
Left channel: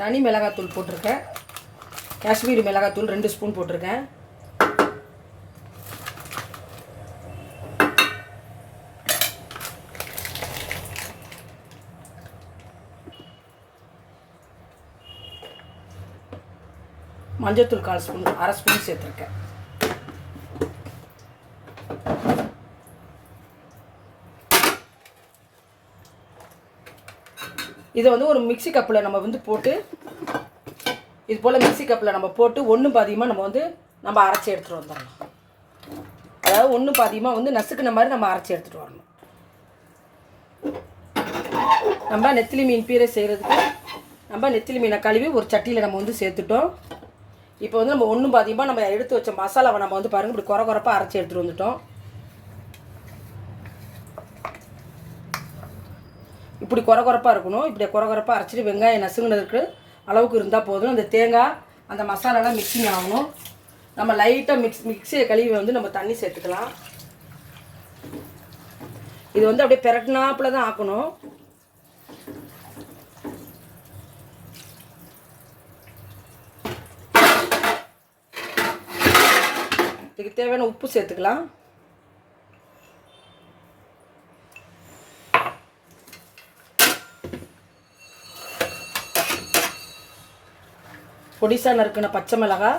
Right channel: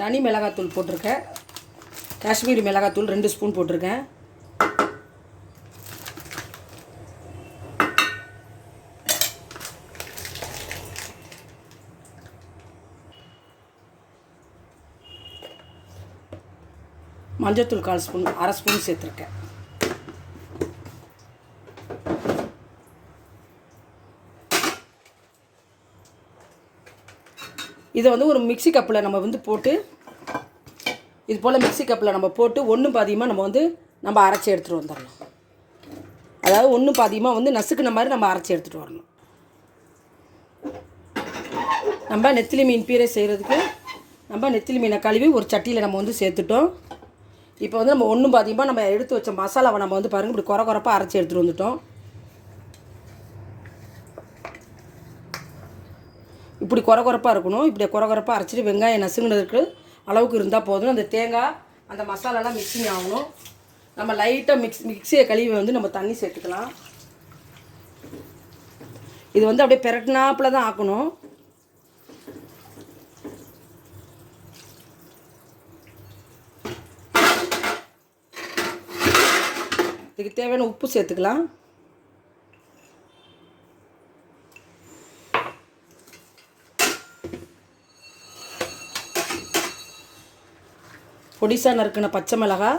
தனி மிளகாத்தூள் போட்டிருக்கேன். காஷ்மீரி மிளகாத்தூள் 2 ஸ்பூன் போட்டிருக்கேன். மஞ்சத்தூள் 1/4 ஸ்பூன், 1/2 ஸ்பூன் சேர்த்துருக்கேன். இதை வந்து ஒரு மிக்சி கப்பில் நம்ம வந்து போட்டு இது போல் மிக்சி கப்பில் நம்ம போட்டு ஒன்று பாதியமாக நம்ம அரைச்சி எடுத்துகிட்டு வந்துடலாம். அதாவது ஒன்று பாதியமாக வந்து நசுக்குன மாதிரி நம்ம அரைச்சி எடுத்துகிட்டு வரணும். நம்ம நெத்திலி மீன் பீரை செய்கிறதுக்கு நம்ம நெத்திலி மீனை கழுவி ஒரு சட்டியில் நம்ம வந்து சேர்த்துட்டோம். இப்போ வந்து நம்ம ஒன்றும் பாதியமாக நம்ம எடுத்து வச்ச மசாலாவை நம்ம வந்து பாருங்கள் இப்படி குறப்பாக அரைச்சி எடுத்துகிட்டு வந்துட்டோம். இப்படி குறப்பாக இருக்கணும். இப்படி குறப்பாக அரைச்சிட்டு வெங்காயம் நசுங்கினதுக்கு அளவுக்கு இருந்தால் போதும். அந்த தேங்காய் அந்த மசாலாலாம் மிக்சிங் ஆகணும். நம்ம லைட்டாக மிக்சியை கழுவி வந்து நம்ம தண்ணி சேர்த்துக்கலாம். இது வந்து அப்படியே பெரட்டினாப்பில் தான் ஆக்கணும். இதுக்கு தேவையான உப்பு சேர்த்துக்கலாம். பொடிசா நறுக்கின பச்சை மிளகாய்,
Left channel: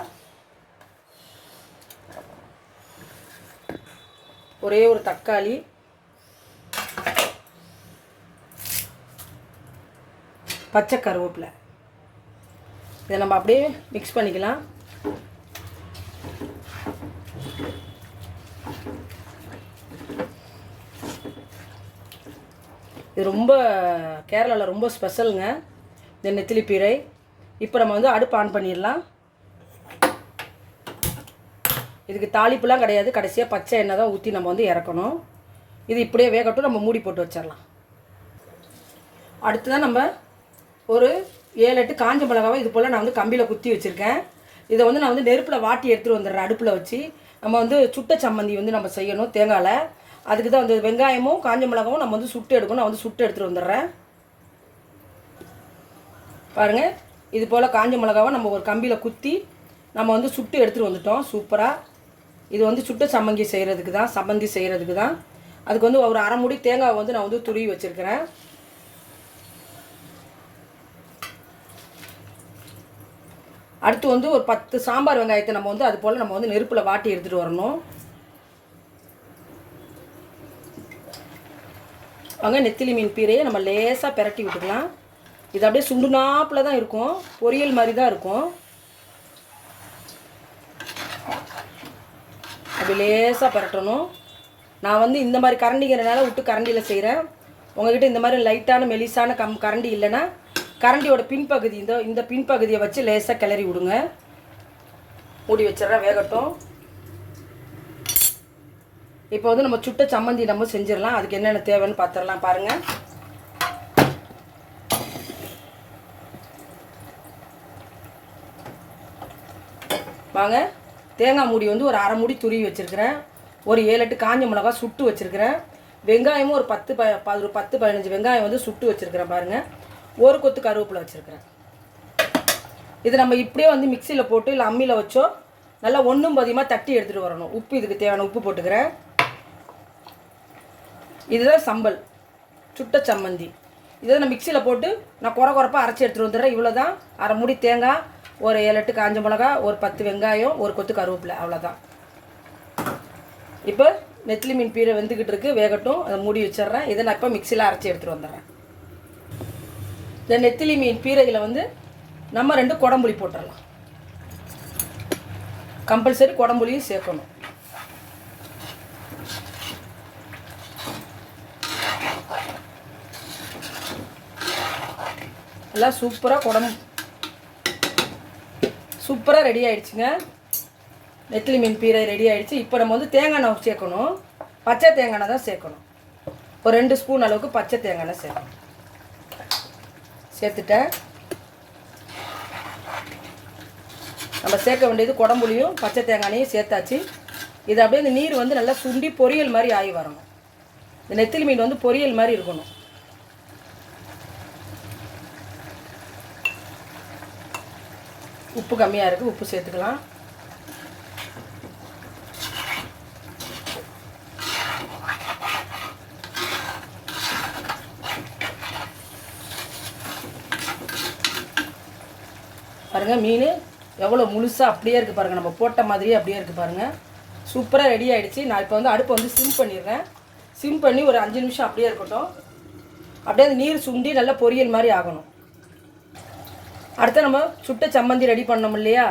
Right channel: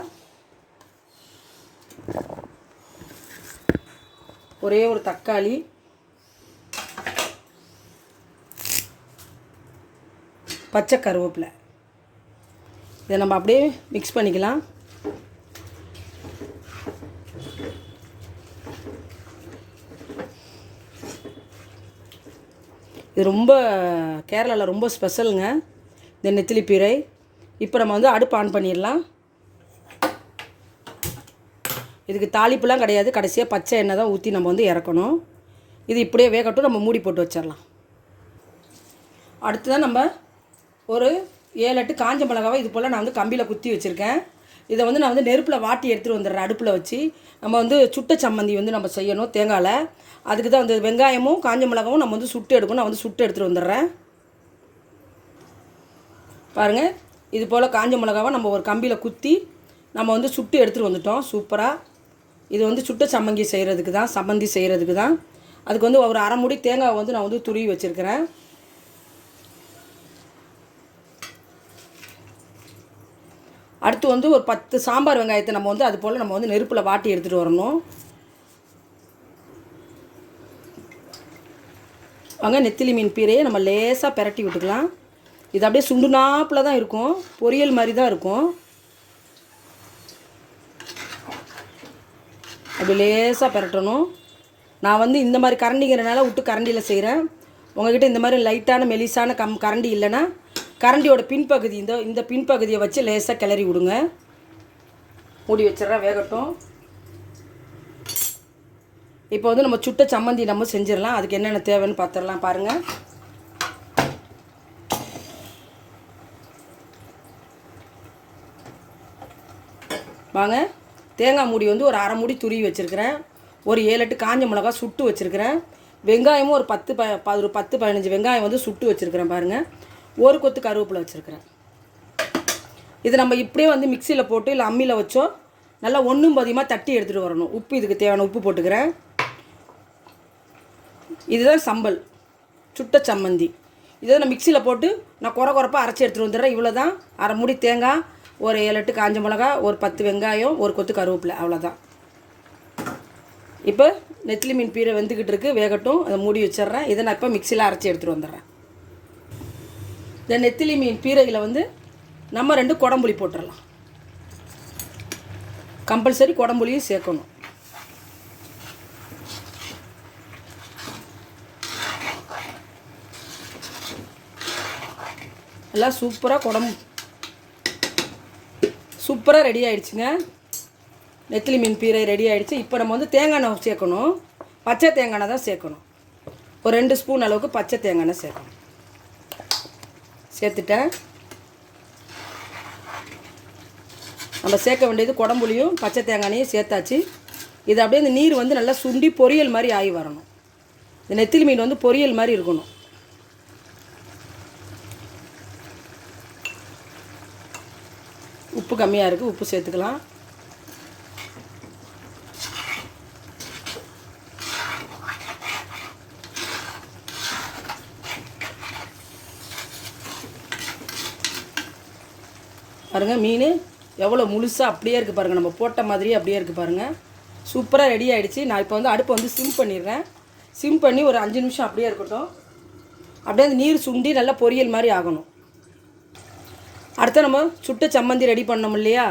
ஒரே ஒரு தக்காளி, பச்சை கருவேப்பிலை. இதை நம்ம அப்படியே மிக்ஸ் பண்ணிக்கலாம். இது ரொம்ப கேரளாவில் ரொம்ப ஸ்பெஷலுங்க இந்த நெத்திலி பீரை. இப்போ நம்ம வந்து அடுப்பு ஆன் பண்ணிடலாம். இதுக்கு தாளிப்புலாம் கிடையாது. கடைசியாக பச்சை எண்ணெய் தான் ஊற்றி நம்ம வந்து இறக்கணும். இது இப்படியே வேகட்டும். நம்ம மூடி போட்டு வச்சிடலாம். அடுத்து தான் நம்ம ஒரு 7-8 காஞ்ச மிளகாவை இது போல் நான் வந்து கம்பியில் குத்தி வச்சுருக்கேன். இதை வந்து நான் வந்து நெருப்பில் வாட்டி எடுத்துகிட்டு வந்துடுறேன். அடுப்பில் வச்சு நம்ம வந்து சுட்ட சம்மந்தி வந்து நம்ம செய்யணும் தேங்காயில். அதுக்கு தான் வந்து வெங்காயமும் காஞ்ச மிளகாவும் நம்ம வந்து சுட்டு எடுக்கணும். நான் வந்து சுட்டு எடுத்துகிட்டு வந்துடுறேன். பாருங்கள், இது போல் காஞ்ச மிளகாவை நம்ம ஒரு கம்பியில் குத்தி நம்ம வந்து சுட்டு எடுத்துகிட்டு வந்துட்டோம். சூப்பராக. இது வந்து சுட்ட சம்மந்தி செய்கிறதுக்கு தான். அதுக்கு வந்து ஒரு 1/2 மூடி தேங்காய் வந்து நான் வந்து துருவி வச்சுருக்கிறேன். அடுத்து வந்து ஒரு 10 சாம்பார் வெங்காயத்தை நம்ம வந்து அது போல் நம்ம வந்து நெருப்பில் வாட்டி எடுத்துகிட்டு வரணும். வாங்க, நெத்திலி மீன் பீரையை நம்ம லேசாக பெரட்டி விட்டுக்கலாம். இது அப்படியே சுண்டுனாப்பில் தான் இருக்கும். பொரியல் மாதிரி தான் இருக்கும். அப்படி லேசாக பெரட்டணும். நான் வந்து இந்த மாதிரி கரண்டிங்கிறனால விட்டு கரண்டியில் செய்கிறேன். உங்கள்கிட்ட இந்த மாதிரி லைட்டான மெலிசான கரண்டி இல்லைன்னா கரண்டியோட பின்பகுதி இந்த பின்பகுதியை வச்சு லேசாக கிளறி விடுங்க. மூடி வச்சிடறேன், வேகட்டும். இப்போ வந்து நம்ம சுட்ட சம்மந்தி நம்ம செஞ்சிடலாம். அதுக்கு என்னென்ன தேவைன்னு பார்த்துடலாம். பாருங்கள், வாங்க. தேங்காய் மூடி வந்து ஒரு 1/2 மூடி துருவி வச்சுருக்கிறேன். ஒரு 7-8 காஞ்ச மிளகா சுட்டு வச்சுருக்கிறேன். வெங்காயமும் ஒரு 10-15 வெங்காயம் வந்து சுட்டு வச்சுருக்கிறேன். பாருங்கள், ஒரு கொத்து கருவேப்பிலை வச்சுருக்கிறேன். இது நம்ம இப்படியே வந்து மிக்சியில் போட்டு இல்லை அம்மியில் வச்சோ நல்லா ஒன்றும் பாதியமாக தட்டி எடுத்துகிட்டு வரணும். உப்பு இதுக்கு தேவையான உப்பு போட்டுக்கிறேன். இதுதான் சம்பல், சுட்ட சம்மந்தி. இதை நான் மிக்சியில் போட்டு நான் குறப்பாக அரைச்சி எடுத்துகிட்டு வந்துடுறேன். இவ்வளோ தான். 1/2 மூடி தேங்காய், ஒரு 7-8 காஞ்ச மிளகா, ஒரு 10 வெங்காயம், ஒரு கொத்து கருவேப்பிலை, அவ்வளோதான். இப்போ நெத்திலி மீன் பீரை வெந்துக்கிட்டு இருக்குது, வேகட்டும். அதை மூடி வச்சிட்றேன். இதை நான் இப்போ மிக்சியில் அரைச்சி எடுத்துகிட்டு வந்துடுறேன். இந்த நெத்திலி மீன் பீரையில் வந்து நம்ம 2 குடம்புளி போட்டுடலாம். கம்பல்சரி குடம்புளியும் சேர்க்கணும். எல்லாம் சூப்பராக ரெடி ஆகிடுச்சுங்க. நெத்திலி மீன் பீரை ரெடி ஆகிடுச்சு. இப்போ நம்ம வந்து தேங்காய் எண்ணெய் சேர்க்கணும். பச்சை தேங்காய் எண்ணெய் தான் சேர்க்கணும். ஒரு 2 ஸ்பூன் அளவுக்கு பச்சை தேங்காய் எண்ணெய் சேர்க்கணும். சேர்த்துட்டேன். நம்ம சேர்க்க வேண்டியது குடம்புளியும் பச்சை தேங்காயும் சேர்த்தாச்சு. இது அப்படியே இந்த நீர் வந்து நல்லா சுண்டி பொரியல் மாதிரி ஆகி வரணும். இந்த நெத்திலி மீன் வந்து பொரியல் மாதிரி இருக்கணும். உப்பு கம்மியாக இருக்குது, உப்பு சேர்த்துக்கலாம். பாருங்கள் மீன் எவ்வளோ முழுசாக அப்படியே இருக்குது பாருங்கள், நம்ம போட்ட மாதிரியே அப்படியே இருக்குது பாருங்கள். சூப்பராக ரெடி ஆகிடுச்சு. நான் இப்போ வந்து அடுப்பை வந்து சிம் பண்ணிடுறேன். சிம் பண்ணி ஒரு 5 நிமிஷம் அப்படியே இருக்கட்டும். அப்படியே அந்த நீர் சுண்டி நல்லா பொரியல் மாதிரி ஆகணும். அடுத்து நம்ம சுட்ட சம்மந்தி ரெடி பண்ணோம் இல்லையா,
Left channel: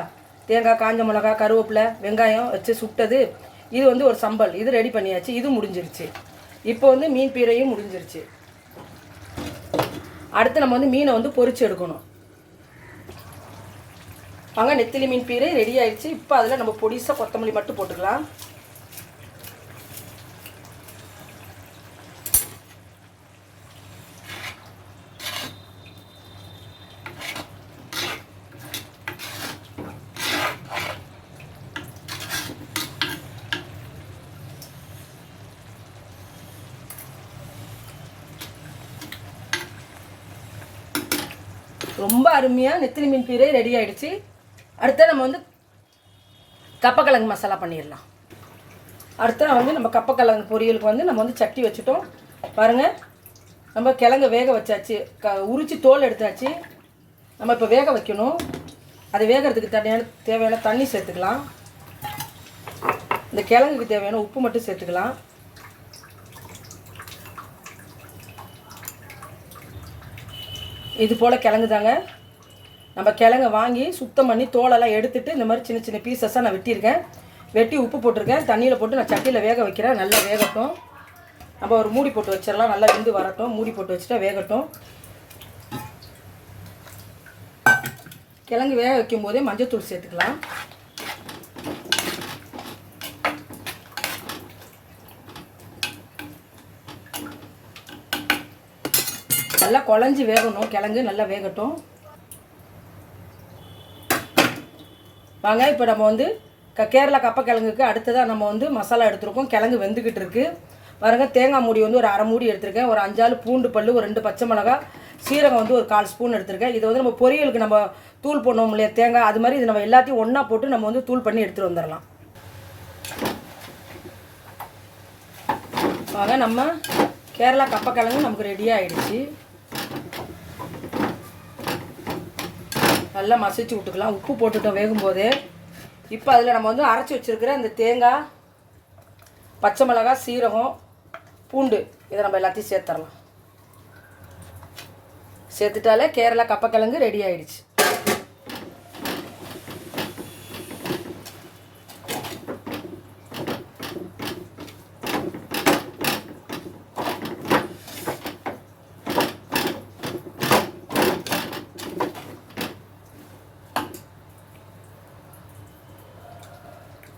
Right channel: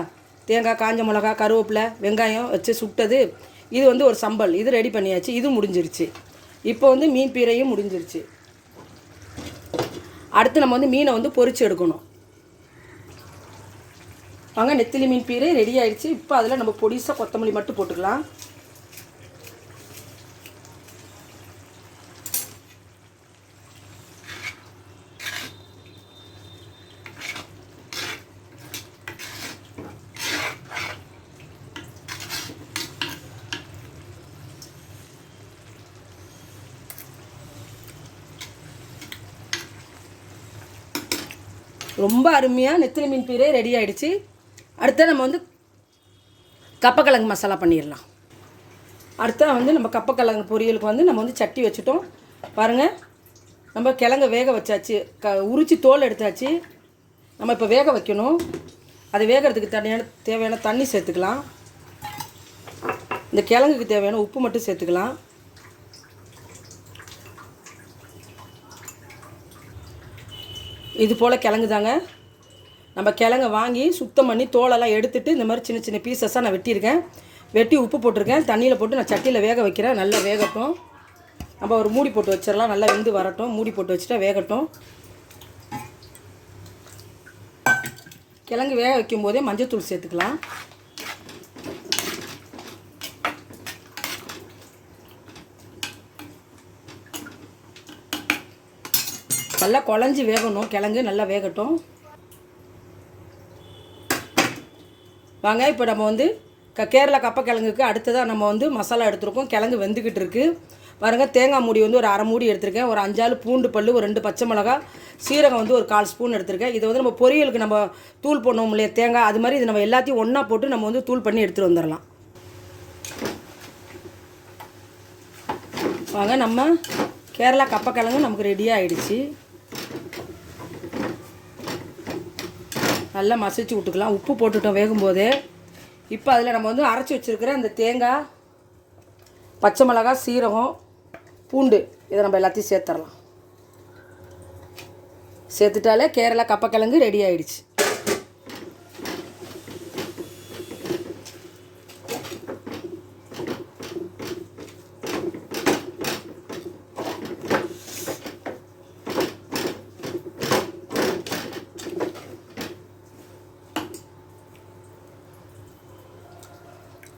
தேங்காய், காஞ்ச மிளகா, கருவேப்பிலை, வெங்காயம் வச்சு சுட்டது. இது வந்து ஒரு சம்பல், இது ரெடி பண்ணியாச்சு. இது முடிஞ்சிருச்சு. இப்போ வந்து மீன் பீரையும் முடிஞ்சிருச்சு. அடுத்து நம்ம வந்து மீனை வந்து பொரிச்சு எடுக்கணும். வாங்க, நெத்திலி மீன் பீரை ரெடி ஆயிடுச்சு. இப்போ அதில் நம்ம பொடிசாக கொத்தமல்லி மட்டும் போட்டுக்கலாம். ரொம்ப அருமையாக நெத்திலி மீன் பீரை ரெடி ஆயிடுச்சு. அடுத்த நம்ம வந்து கப்பக்கிழங்கு மசாலா பண்ணிடலாம். அடுத்த வந்து நம்ம கப்பக்கிழங்கு பொரியலுக்கு வந்து நம்ம வந்து சட்டி வச்சுட்டோம். பாருங்கள், நம்ம கிழங்கு வேக வச்சாச்சு, உரித்து தோல் எடுத்தாச்சு. நம்ம இப்போ வேக வைக்கணும். அது வேகிறதுக்கு தேவையான தண்ணி சேர்த்துக்கலாம். இந்த கிழங்குக்கு தேவையான உப்பு மட்டும் சேர்த்துக்கலாம். இது போல் கிழங்கு தாங்க. நம்ம கிழங்க வாங்கி சுத்தம் பண்ணி தோலெல்லாம் எடுத்துகிட்டு இந்த மாதிரி சின்ன சின்ன பீசஸாக நான் வெட்டியிருக்கேன். வெட்டி உப்பு போட்டிருக்கேன். தண்ணியில் போட்டு நான் சட்டியில் வேக வைக்கிறேன். நல்லா வேகட்டும். நம்ம ஒரு மூடி போட்டு வச்சிடலாம். நல்லா வெந்து வரட்டும். மூடி போட்டு வச்சுட்டா வேகட்டும். கிழங்கு வேக வைக்கும் போதே மஞ்சத்தூள் சேர்த்துக்கலாம். நல்லா குழஞ்சி வேகணும். கிழங்கு நல்லா வேகட்டும். வாங்க, இப்போ நம்ம வந்து கேரளா கப்பக்கிழங்குக்கு அடுத்ததாக நம்ம வந்து மசாலா எடுத்துருக்கோம். கிழங்கு வெந்துக்கிட்டு இருக்குது. பாருங்கள், தேங்காய் மூடி வந்து ஒரு 1/2 மூடி எடுத்திருக்கேன். ஒரு 5-6 பூண்டு பல், ஒரு 2 பச்சை மிளகா, சீரகம் வந்து ஒரு 1/4 ஸ்பூன் எடுத்திருக்கேன். இது வந்து நம்ம பொரியலுக்கு நம்ம தூள் போடணும் இல்லையா, தேங்காய், அது மாதிரி இது நம்ம எல்லாத்தையும் ஒன்றா போட்டு நம்ம வந்து தூள் பண்ணி எடுத்துகிட்டு வந்துடலாம். வாங்க, நம்ம கேரளா கப்பக்கிழங்கு நமக்கு ரெடியாக ஆகிடுச்சு. நல்லா மசிச்சு விட்டுக்கலாம். உப்பு போட்டுட்டோம் வேகும்போதே. இப்போ அதில் நம்ம வந்து அரைச்சி வச்சுருக்கிற அந்த தேங்காய், பச்சை மிளகாய், சீரகம், பூண்டு, இதை நம்ம எல்லாத்தையும் சேர்த்துடலாம். சேர்த்துட்டாலே கேரளா கப்பக்கிழங்கு ரெடி ஆகிடுச்சு.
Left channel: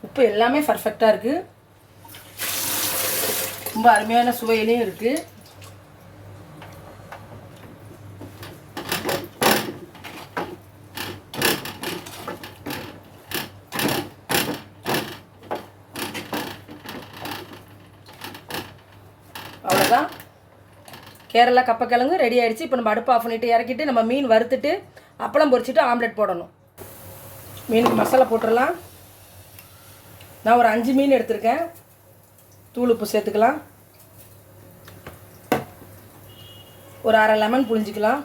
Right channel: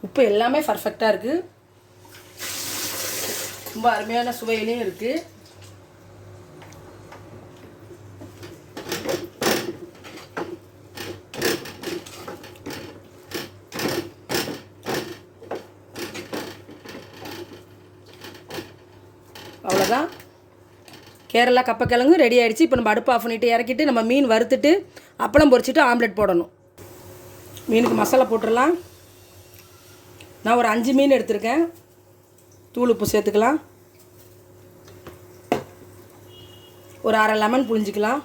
உப்பு எல்லாமே பர்ஃபெக்டாக இருக்குது. ரொம்ப அருமையான சுவையிலையும் இருக்குது. அவ்வளோதான், கேரளா கப்பக்கிழங்கு ரெடி ஆகிடுச்சு. இப்போ நம்ம அடுப்பு ஆஃப் பண்ணிவிட்டு இறக்கிட்டு நம்ம மீன் வறுத்துட்டு அப்பளம் பொரிச்சிட்டு ஆம்லெட் போடணும். மீனுக்கு மசாலா போட்டுடலாம். நான் ஒரு 5 மீன் எடுத்திருக்கேன். தூள் உப்பு சேர்த்துக்கலாம். ஒரு 1/2 லெமன் புழிஞ்சிக்கலாம்.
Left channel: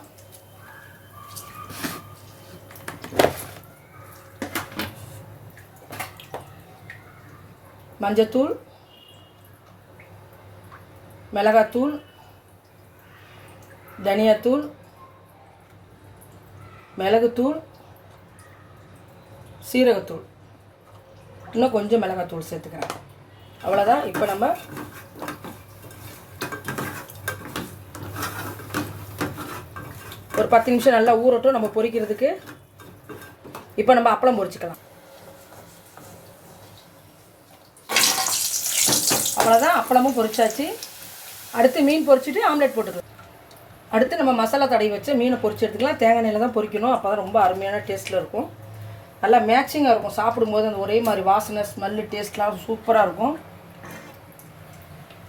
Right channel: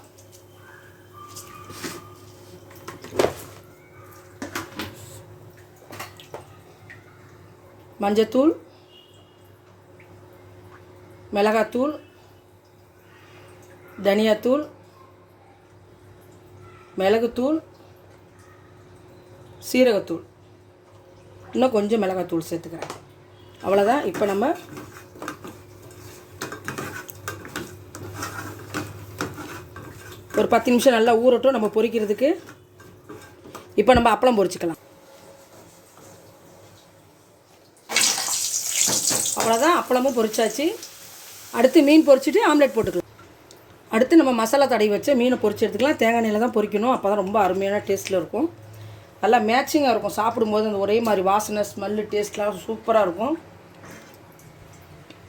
மஞ்சத்தூள், மிளகாத்தூள், தனியாத்தூள், மிளகுத்தூள், சீரகத்தூள், இன்னும் கொஞ்சம் மிளகாத்தூள் சேர்த்துக்கிறேன். அவ்வளோதான். இப்போ நம்ம ஒரு 10 நிமிஷம் நல்லா ஊறட்டும் நம்ம பொரிக்கிறதுக்கு. இப்போ நம்ம அப்பளம் பொரிச்சிக்கலாம். அவ்வளோதான், அப்பளமும் பொரிச்சாச்சு. அடுத்து மீன் பொரிச்சிட்டு ஆம்லெட் போட்டுக்கலாம். அடுத்து நம்ம மசாலா தடவி வச்ச மீனை பொரிச்சு எடுத்துக்கலாம். தேங்காய் எண்ணெயில் தான் பொரிக்கணும், அப்போ தான் ரொம்ப அருமையான டேஸ்ட்டில் இருக்கும். நல்லா மேட்சிங்காக இருக்கும், சாப்பிடும்போது அந்த ஒரே மாதிரி வாசனை ஸ்மெல்லு டேஸ்ட்லாம் சூப்பராக இருக்கும்.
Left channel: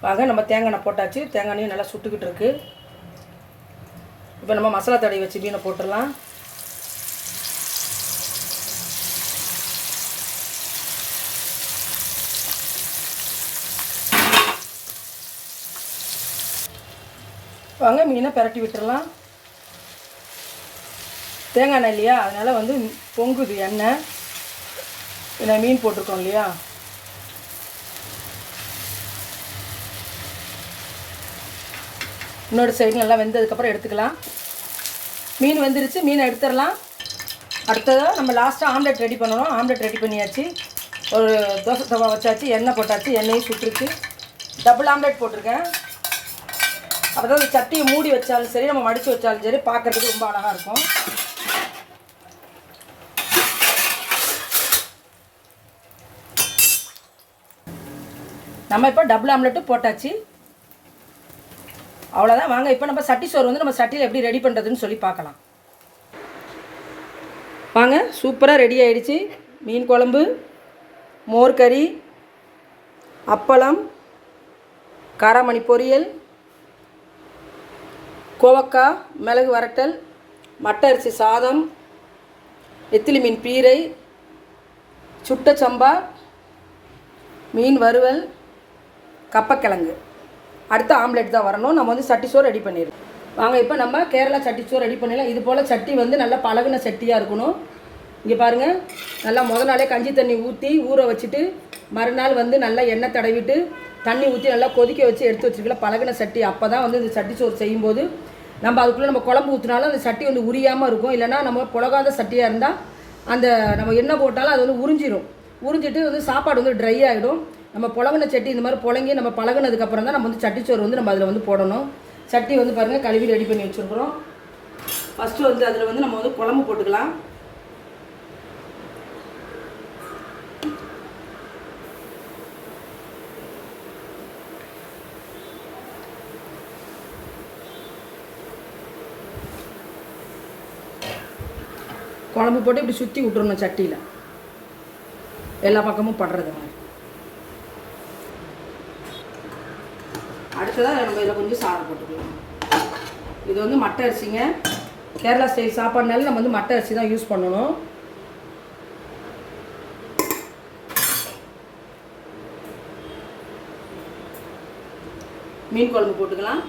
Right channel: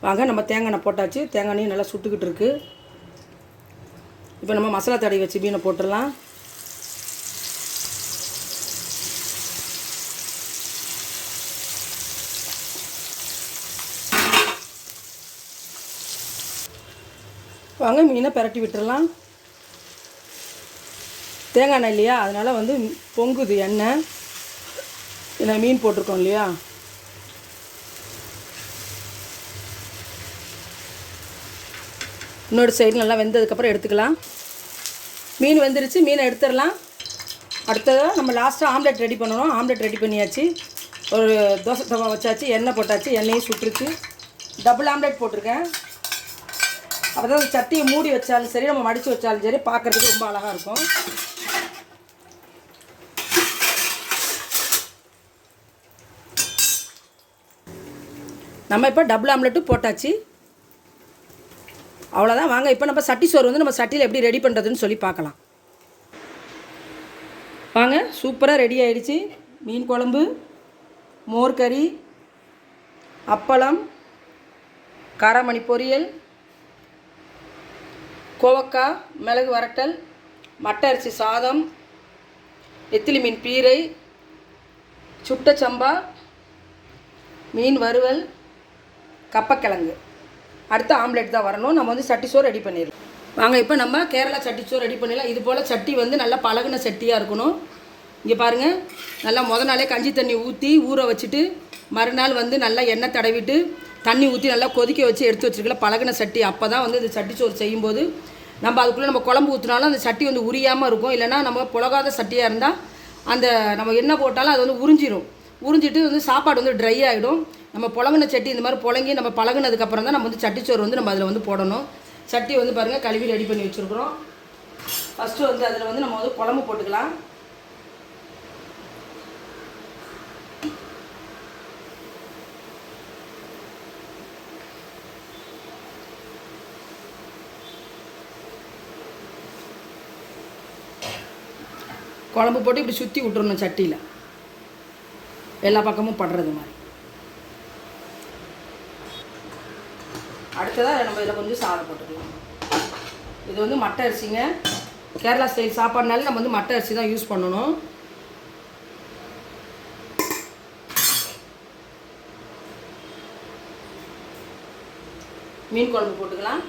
வாங்க நம்ம தேங்காய் எண்ணெய் போட்டாச்சு, தேங்காய் எண்ணெய் நல்லா சுட்டுக்கிட்டு இருக்குது. இப்போ நம்ம மசாலா தடவி வச்சு மீனை போட்டுடலாம். வாங்க மீனை பரட்டி விட்டுறலாம். தேங்காய் எண்ணெய் இல்லையா, அதனால் வந்து பொங்குது எண்ணெய். இதில் மீன் போட்டிருக்கோம் இல்லையா, இன்னொரு சைடு நல்லா வெந்ததுக்கப்புறம் எடுத்துக்கலாம். மீன் வெந்துருச்சு, மீனை எடுத்துடலாம். அடுத்ததாக நம்ம லாஸ்ட்டாக ஆம்லெட் ரெடி பண்ணணும். ஆம்லெட் ரெடி பண்ணியாச்சு. ஒரு தோசை தவா வச்சாச்சு, எண்ணெய் போட்டாச்சு, எண்ணெயும் சுட்டுருச்சு. டபுள் ஆம்லெட் போட்டிருக்கேன். அப்போ தான் அந்த சட்டியை மூடி வச்சாலும் சரி, நம்ம மடித்து வச்சாலும் சரி, பார்க்குறதுக்கு ரொம்ப அழகாக இருக்கும். நம்ம இப்போ டபுள் ஆம்லெட்டும் போட்டாச்சு. அவ்வளோதான். வாங்க இப்போ நம்ம சட்டி சோறு வந்து நம்ம சட்டியில் எப்படி ரெடி பண்ணுறதுன்னு சொல்லி பார்க்கலாம். வாங்க, சூப்பராக ரெடி ஆகிடுச்சு. மீன் குழம்பு, மோர் கறி, அப்பளம், காராமணி பொரியல், கோவக்காய் மிளகு வரட்டல், மட்டை அரிசி சாதம், நெத்திலி மீன் பீரை, சுட்ட சம்பா, மீன் வறுவல், கப்பக்கிழங்கு. அடுத்து ஆம்லெட் தான் வரணும். நம்ம வந்து சட்டி சோறு ரெடி பண்ணிடலாம். வாங்க இப்போ நம்ம கேரளா சட்டி சோறு ரெடி பண்ணிடலாம். இது போல் சட்டி வந்து நல்லா பழகுன சட்டியாக இருக்கணும். இங்கே பாருங்கள், நல்லா நாளே கஞ்சி தண்ணி ஊற்றி ஊற வச்சுட்டு மறுநாள் வந்து நல்லா எண்ணெய் தடவிட்டு தண்ணி ஊற்றி நல்லா கொதிக்க வச்சு எடுத்து வச்சுருக்கல பழகின சட்டி. அப்போ தான் வந்து இந்த சட்டி சோறு செய்யும்போது நம்ம அதுக்குள்ளே நம்ம குழம்பு ஊற்றினாலும் அந்த சட்டி வந்து உரியாமல் இருக்கும். இல்லைனா நம்ம புழகாத சட்டியாக இருந்தால் அந்த நம்ம எண்ணெய் போட்டாலும் அது வந்து உறிஞ்சிடும். உறிஞ்சிட்டு வந்து சாப்பாடு வந்து ட்ரை ஆகிடும். நம்ம புழங்கின சட்டி இந்த மாதிரி புழங்கி நம்ம பழகினதுக்கப்புறம் தான் நம்ம வந்து சட்டிச்சோறு வந்து நம்ம அதில் வந்து போடணும். சட்டி வந்து பாருங்கள் கழுவி ரெடி பண்ணி வச்சுருக்குறோம். ஃபஸ்ட்டு வந்து அதில் வந்து நம்ம வந்து குழம்பு போட்டுக்கலாம். குழம்பு போட்டு இப்படி சுற்றி விட்டுருணும் சட்டியில், எல்லா பக்கமும் படுறது மாதிரி. அடுத்ததாக நம்ம இதில் கொஞ்சம் சாதம் போட்டுக்கலாம். இது வந்து மட்டை அரிசிங்க. கேரளா ஸ்டைல் சாப்பாடுனால நம்ம வந்து மட்டை அரிசி தான் யூஸ் பண்ணணும். மீன் குழம்பு போட்டுக்கலாம்.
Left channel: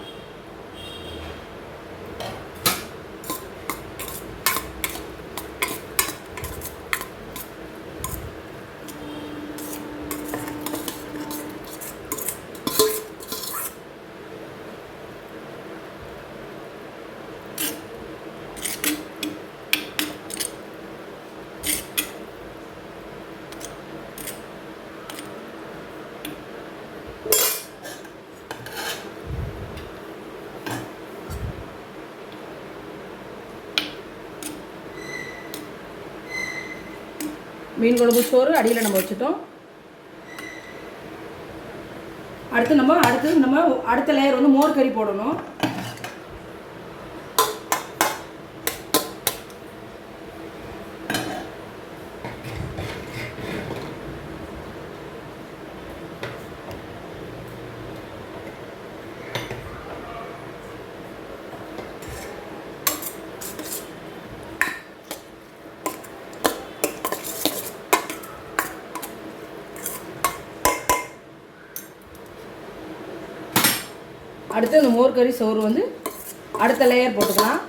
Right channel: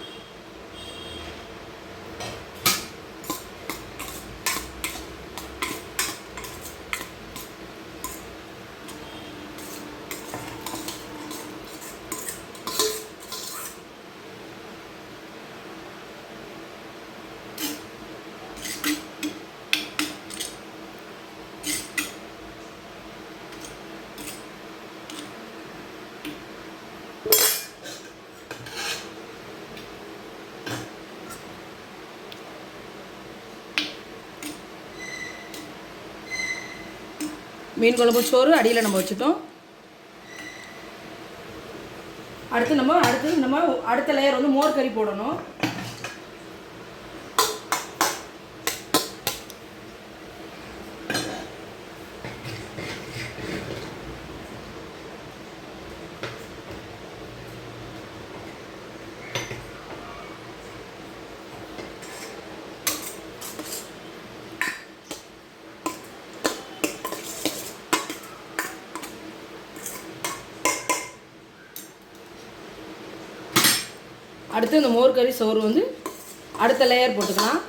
மீன் குழம்பு சோறு அடியில் நம்ம வச்சுட்டோம். அடுத்த லேயர் வந்து மோர் கறி போடணும். அடுத்து இந்த மோர் கறி சோறு வந்து அடுத்த லேயர் போட்டுக்கலாம்.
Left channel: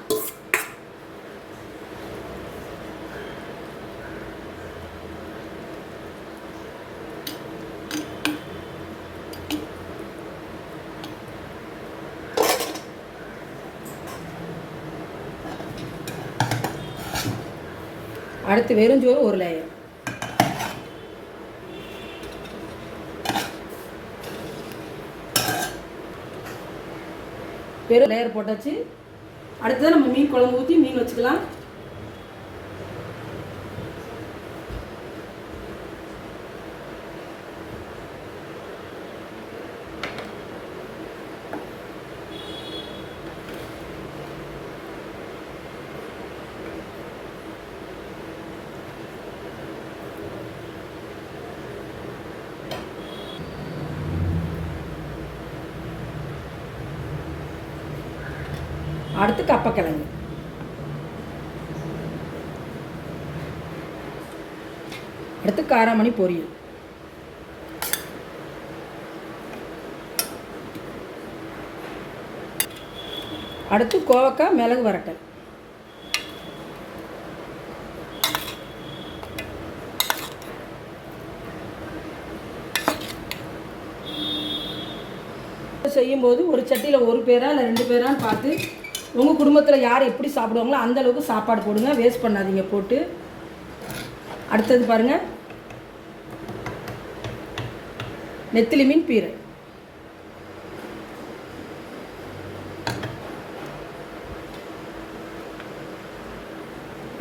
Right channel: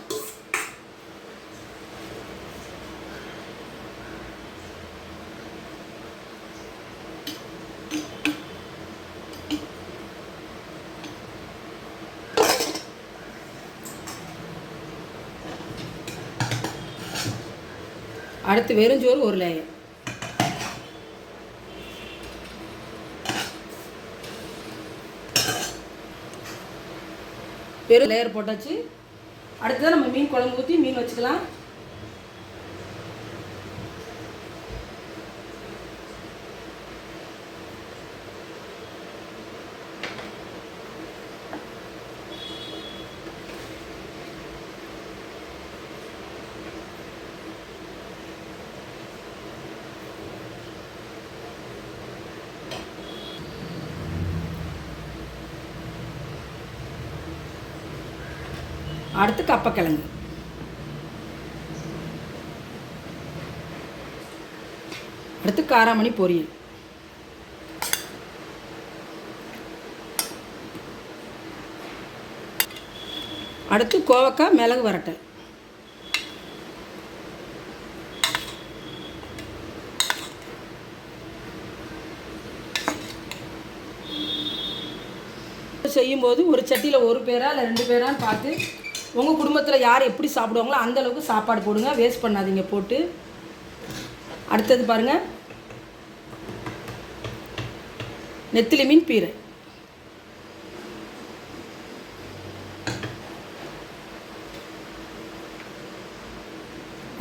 அடுத்து வெறுஞ்சோறு ஒரு லேயர். வெறும் லேயர் போட்டாச்சு. அடுத்தது நம்ம மீன் குழம்பு ஊற்றி மீன் வச்சுக்கலாம். கப்பக்கிழங்கு. அடுத்து காராமணி பொரியல். அடுத்து கோவக்காய் மிளகு வரட்டல். செய்யும்போது ஒரு சட்டியில் ஒரு பேரா இல்லை 2 பேரான்னு பார்த்து உங்கள் குடும்பத்தில் யார் எப்படி சாப்பிடுவாங்களோ அந்தளவுக்கு சாப்பாடு போடுங்க, வேஸ்ட் பண்ணாதீங்க போட்டு. அடுத்தது பாருங்கள், நெத்திலி மீன் பீரை.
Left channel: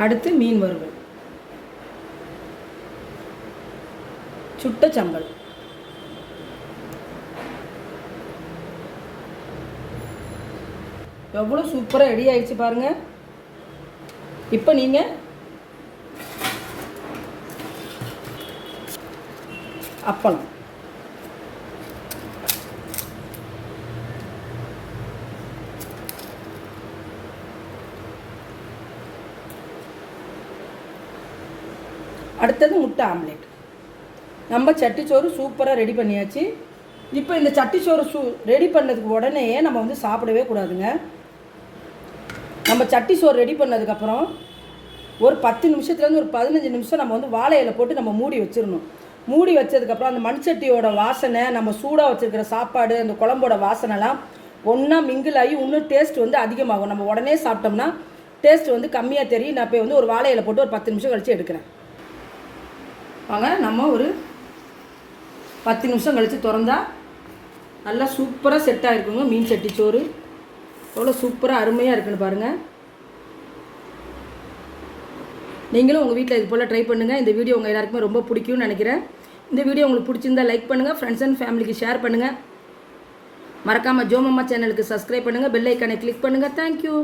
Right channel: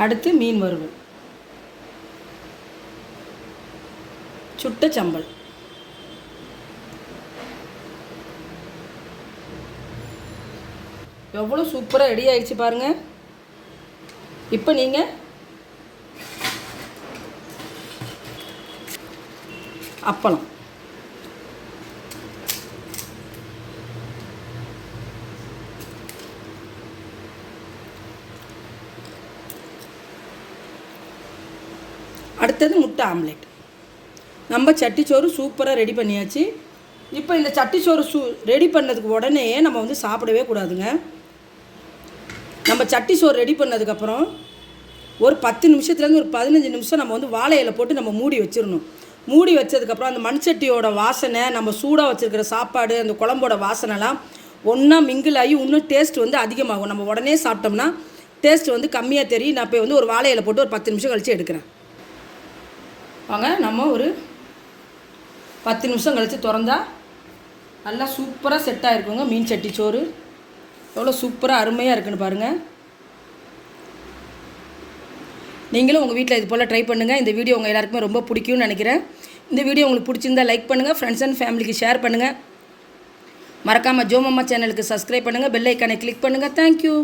அடுத்து மீன் வறுவல், சுட்ட சம்பல். எவ்வளோ சூப்பராக ரெடி ஆயிடுச்சு பாருங்கள். இப்போ நீங்கள் அப்பளம். அடுத்தது முட்டை ஆம்லேட். நம்ம சட்டிச்சோறு சூப்பராக ரெடி பண்ணியாச்சு. இப்போ இந்த சட்டிச்சோறு ரெடி பண்ணதுக்கு உடனே நம்ம வந்து சாப்பிடவே கூடாதுங்க. நம்ம சட்டிச்சோறு ரெடி பண்ணதுக்கப்புறம் ஒரு 10 நிமிஷத்துலேருந்து ஒரு 15 நிமிஷம் நம்ம வந்து வாழை இலை போட்டு நம்ம மூடி வச்சிடணும். மூடி வச்சதுக்கப்புறம் அந்த மண்சட்டியோட வாசனை, நம்ம சூடாக வச்சுருக்கிற சாப்பாடு, அந்த குழம்போட வாசனைலாம் ஒன்றா மிங்கிள் ஆகி இன்னும் டேஸ்ட் வந்து அதிகமாகும். நம்ம உடனே சாப்பிட்டோம்னா டேஸ்ட் வந்து கம்மியாக தெரியும். நான் இப்போ வந்து ஒரு வாழை இலை போட்டு ஒரு 10 நிமிஷம் கழித்து எடுக்கிறேன். வாங்க, நம்ம ஒரு 10 நிமிஷம் கழித்து திறந்தா நல்லா சூப்பராக செட் ஆகிருக்குங்க மீன் சட்டிச்சோறு. எவ்வளோ சூப்பராக அருமையாக இருக்குன்னு பாருங்கள். நீங்களும் உங்கள் வீட்டில் இது போல் ட்ரை பண்ணுங்கள். இந்த வீடியோ உங்கள் எல்லாருக்குமே ரொம்ப பிடிக்கும்னு நினைக்கிறேன். இந்த வீடியோ உங்களுக்கு பிடிச்சிருந்தால் லைக் பண்ணுங்கள், ஃப்ரெண்ட்ஸ் அண்ட் ஃபேமிலிக்கு ஷேர் பண்ணுங்கள். மறக்காமல் ஜோமம்மா சேனலுக்கு சப்ஸ்கிரைப் பண்ணுங்கள், பெல் ஐக்கானை கிளிக் பண்ணுங்கள். தேங்க்யூ.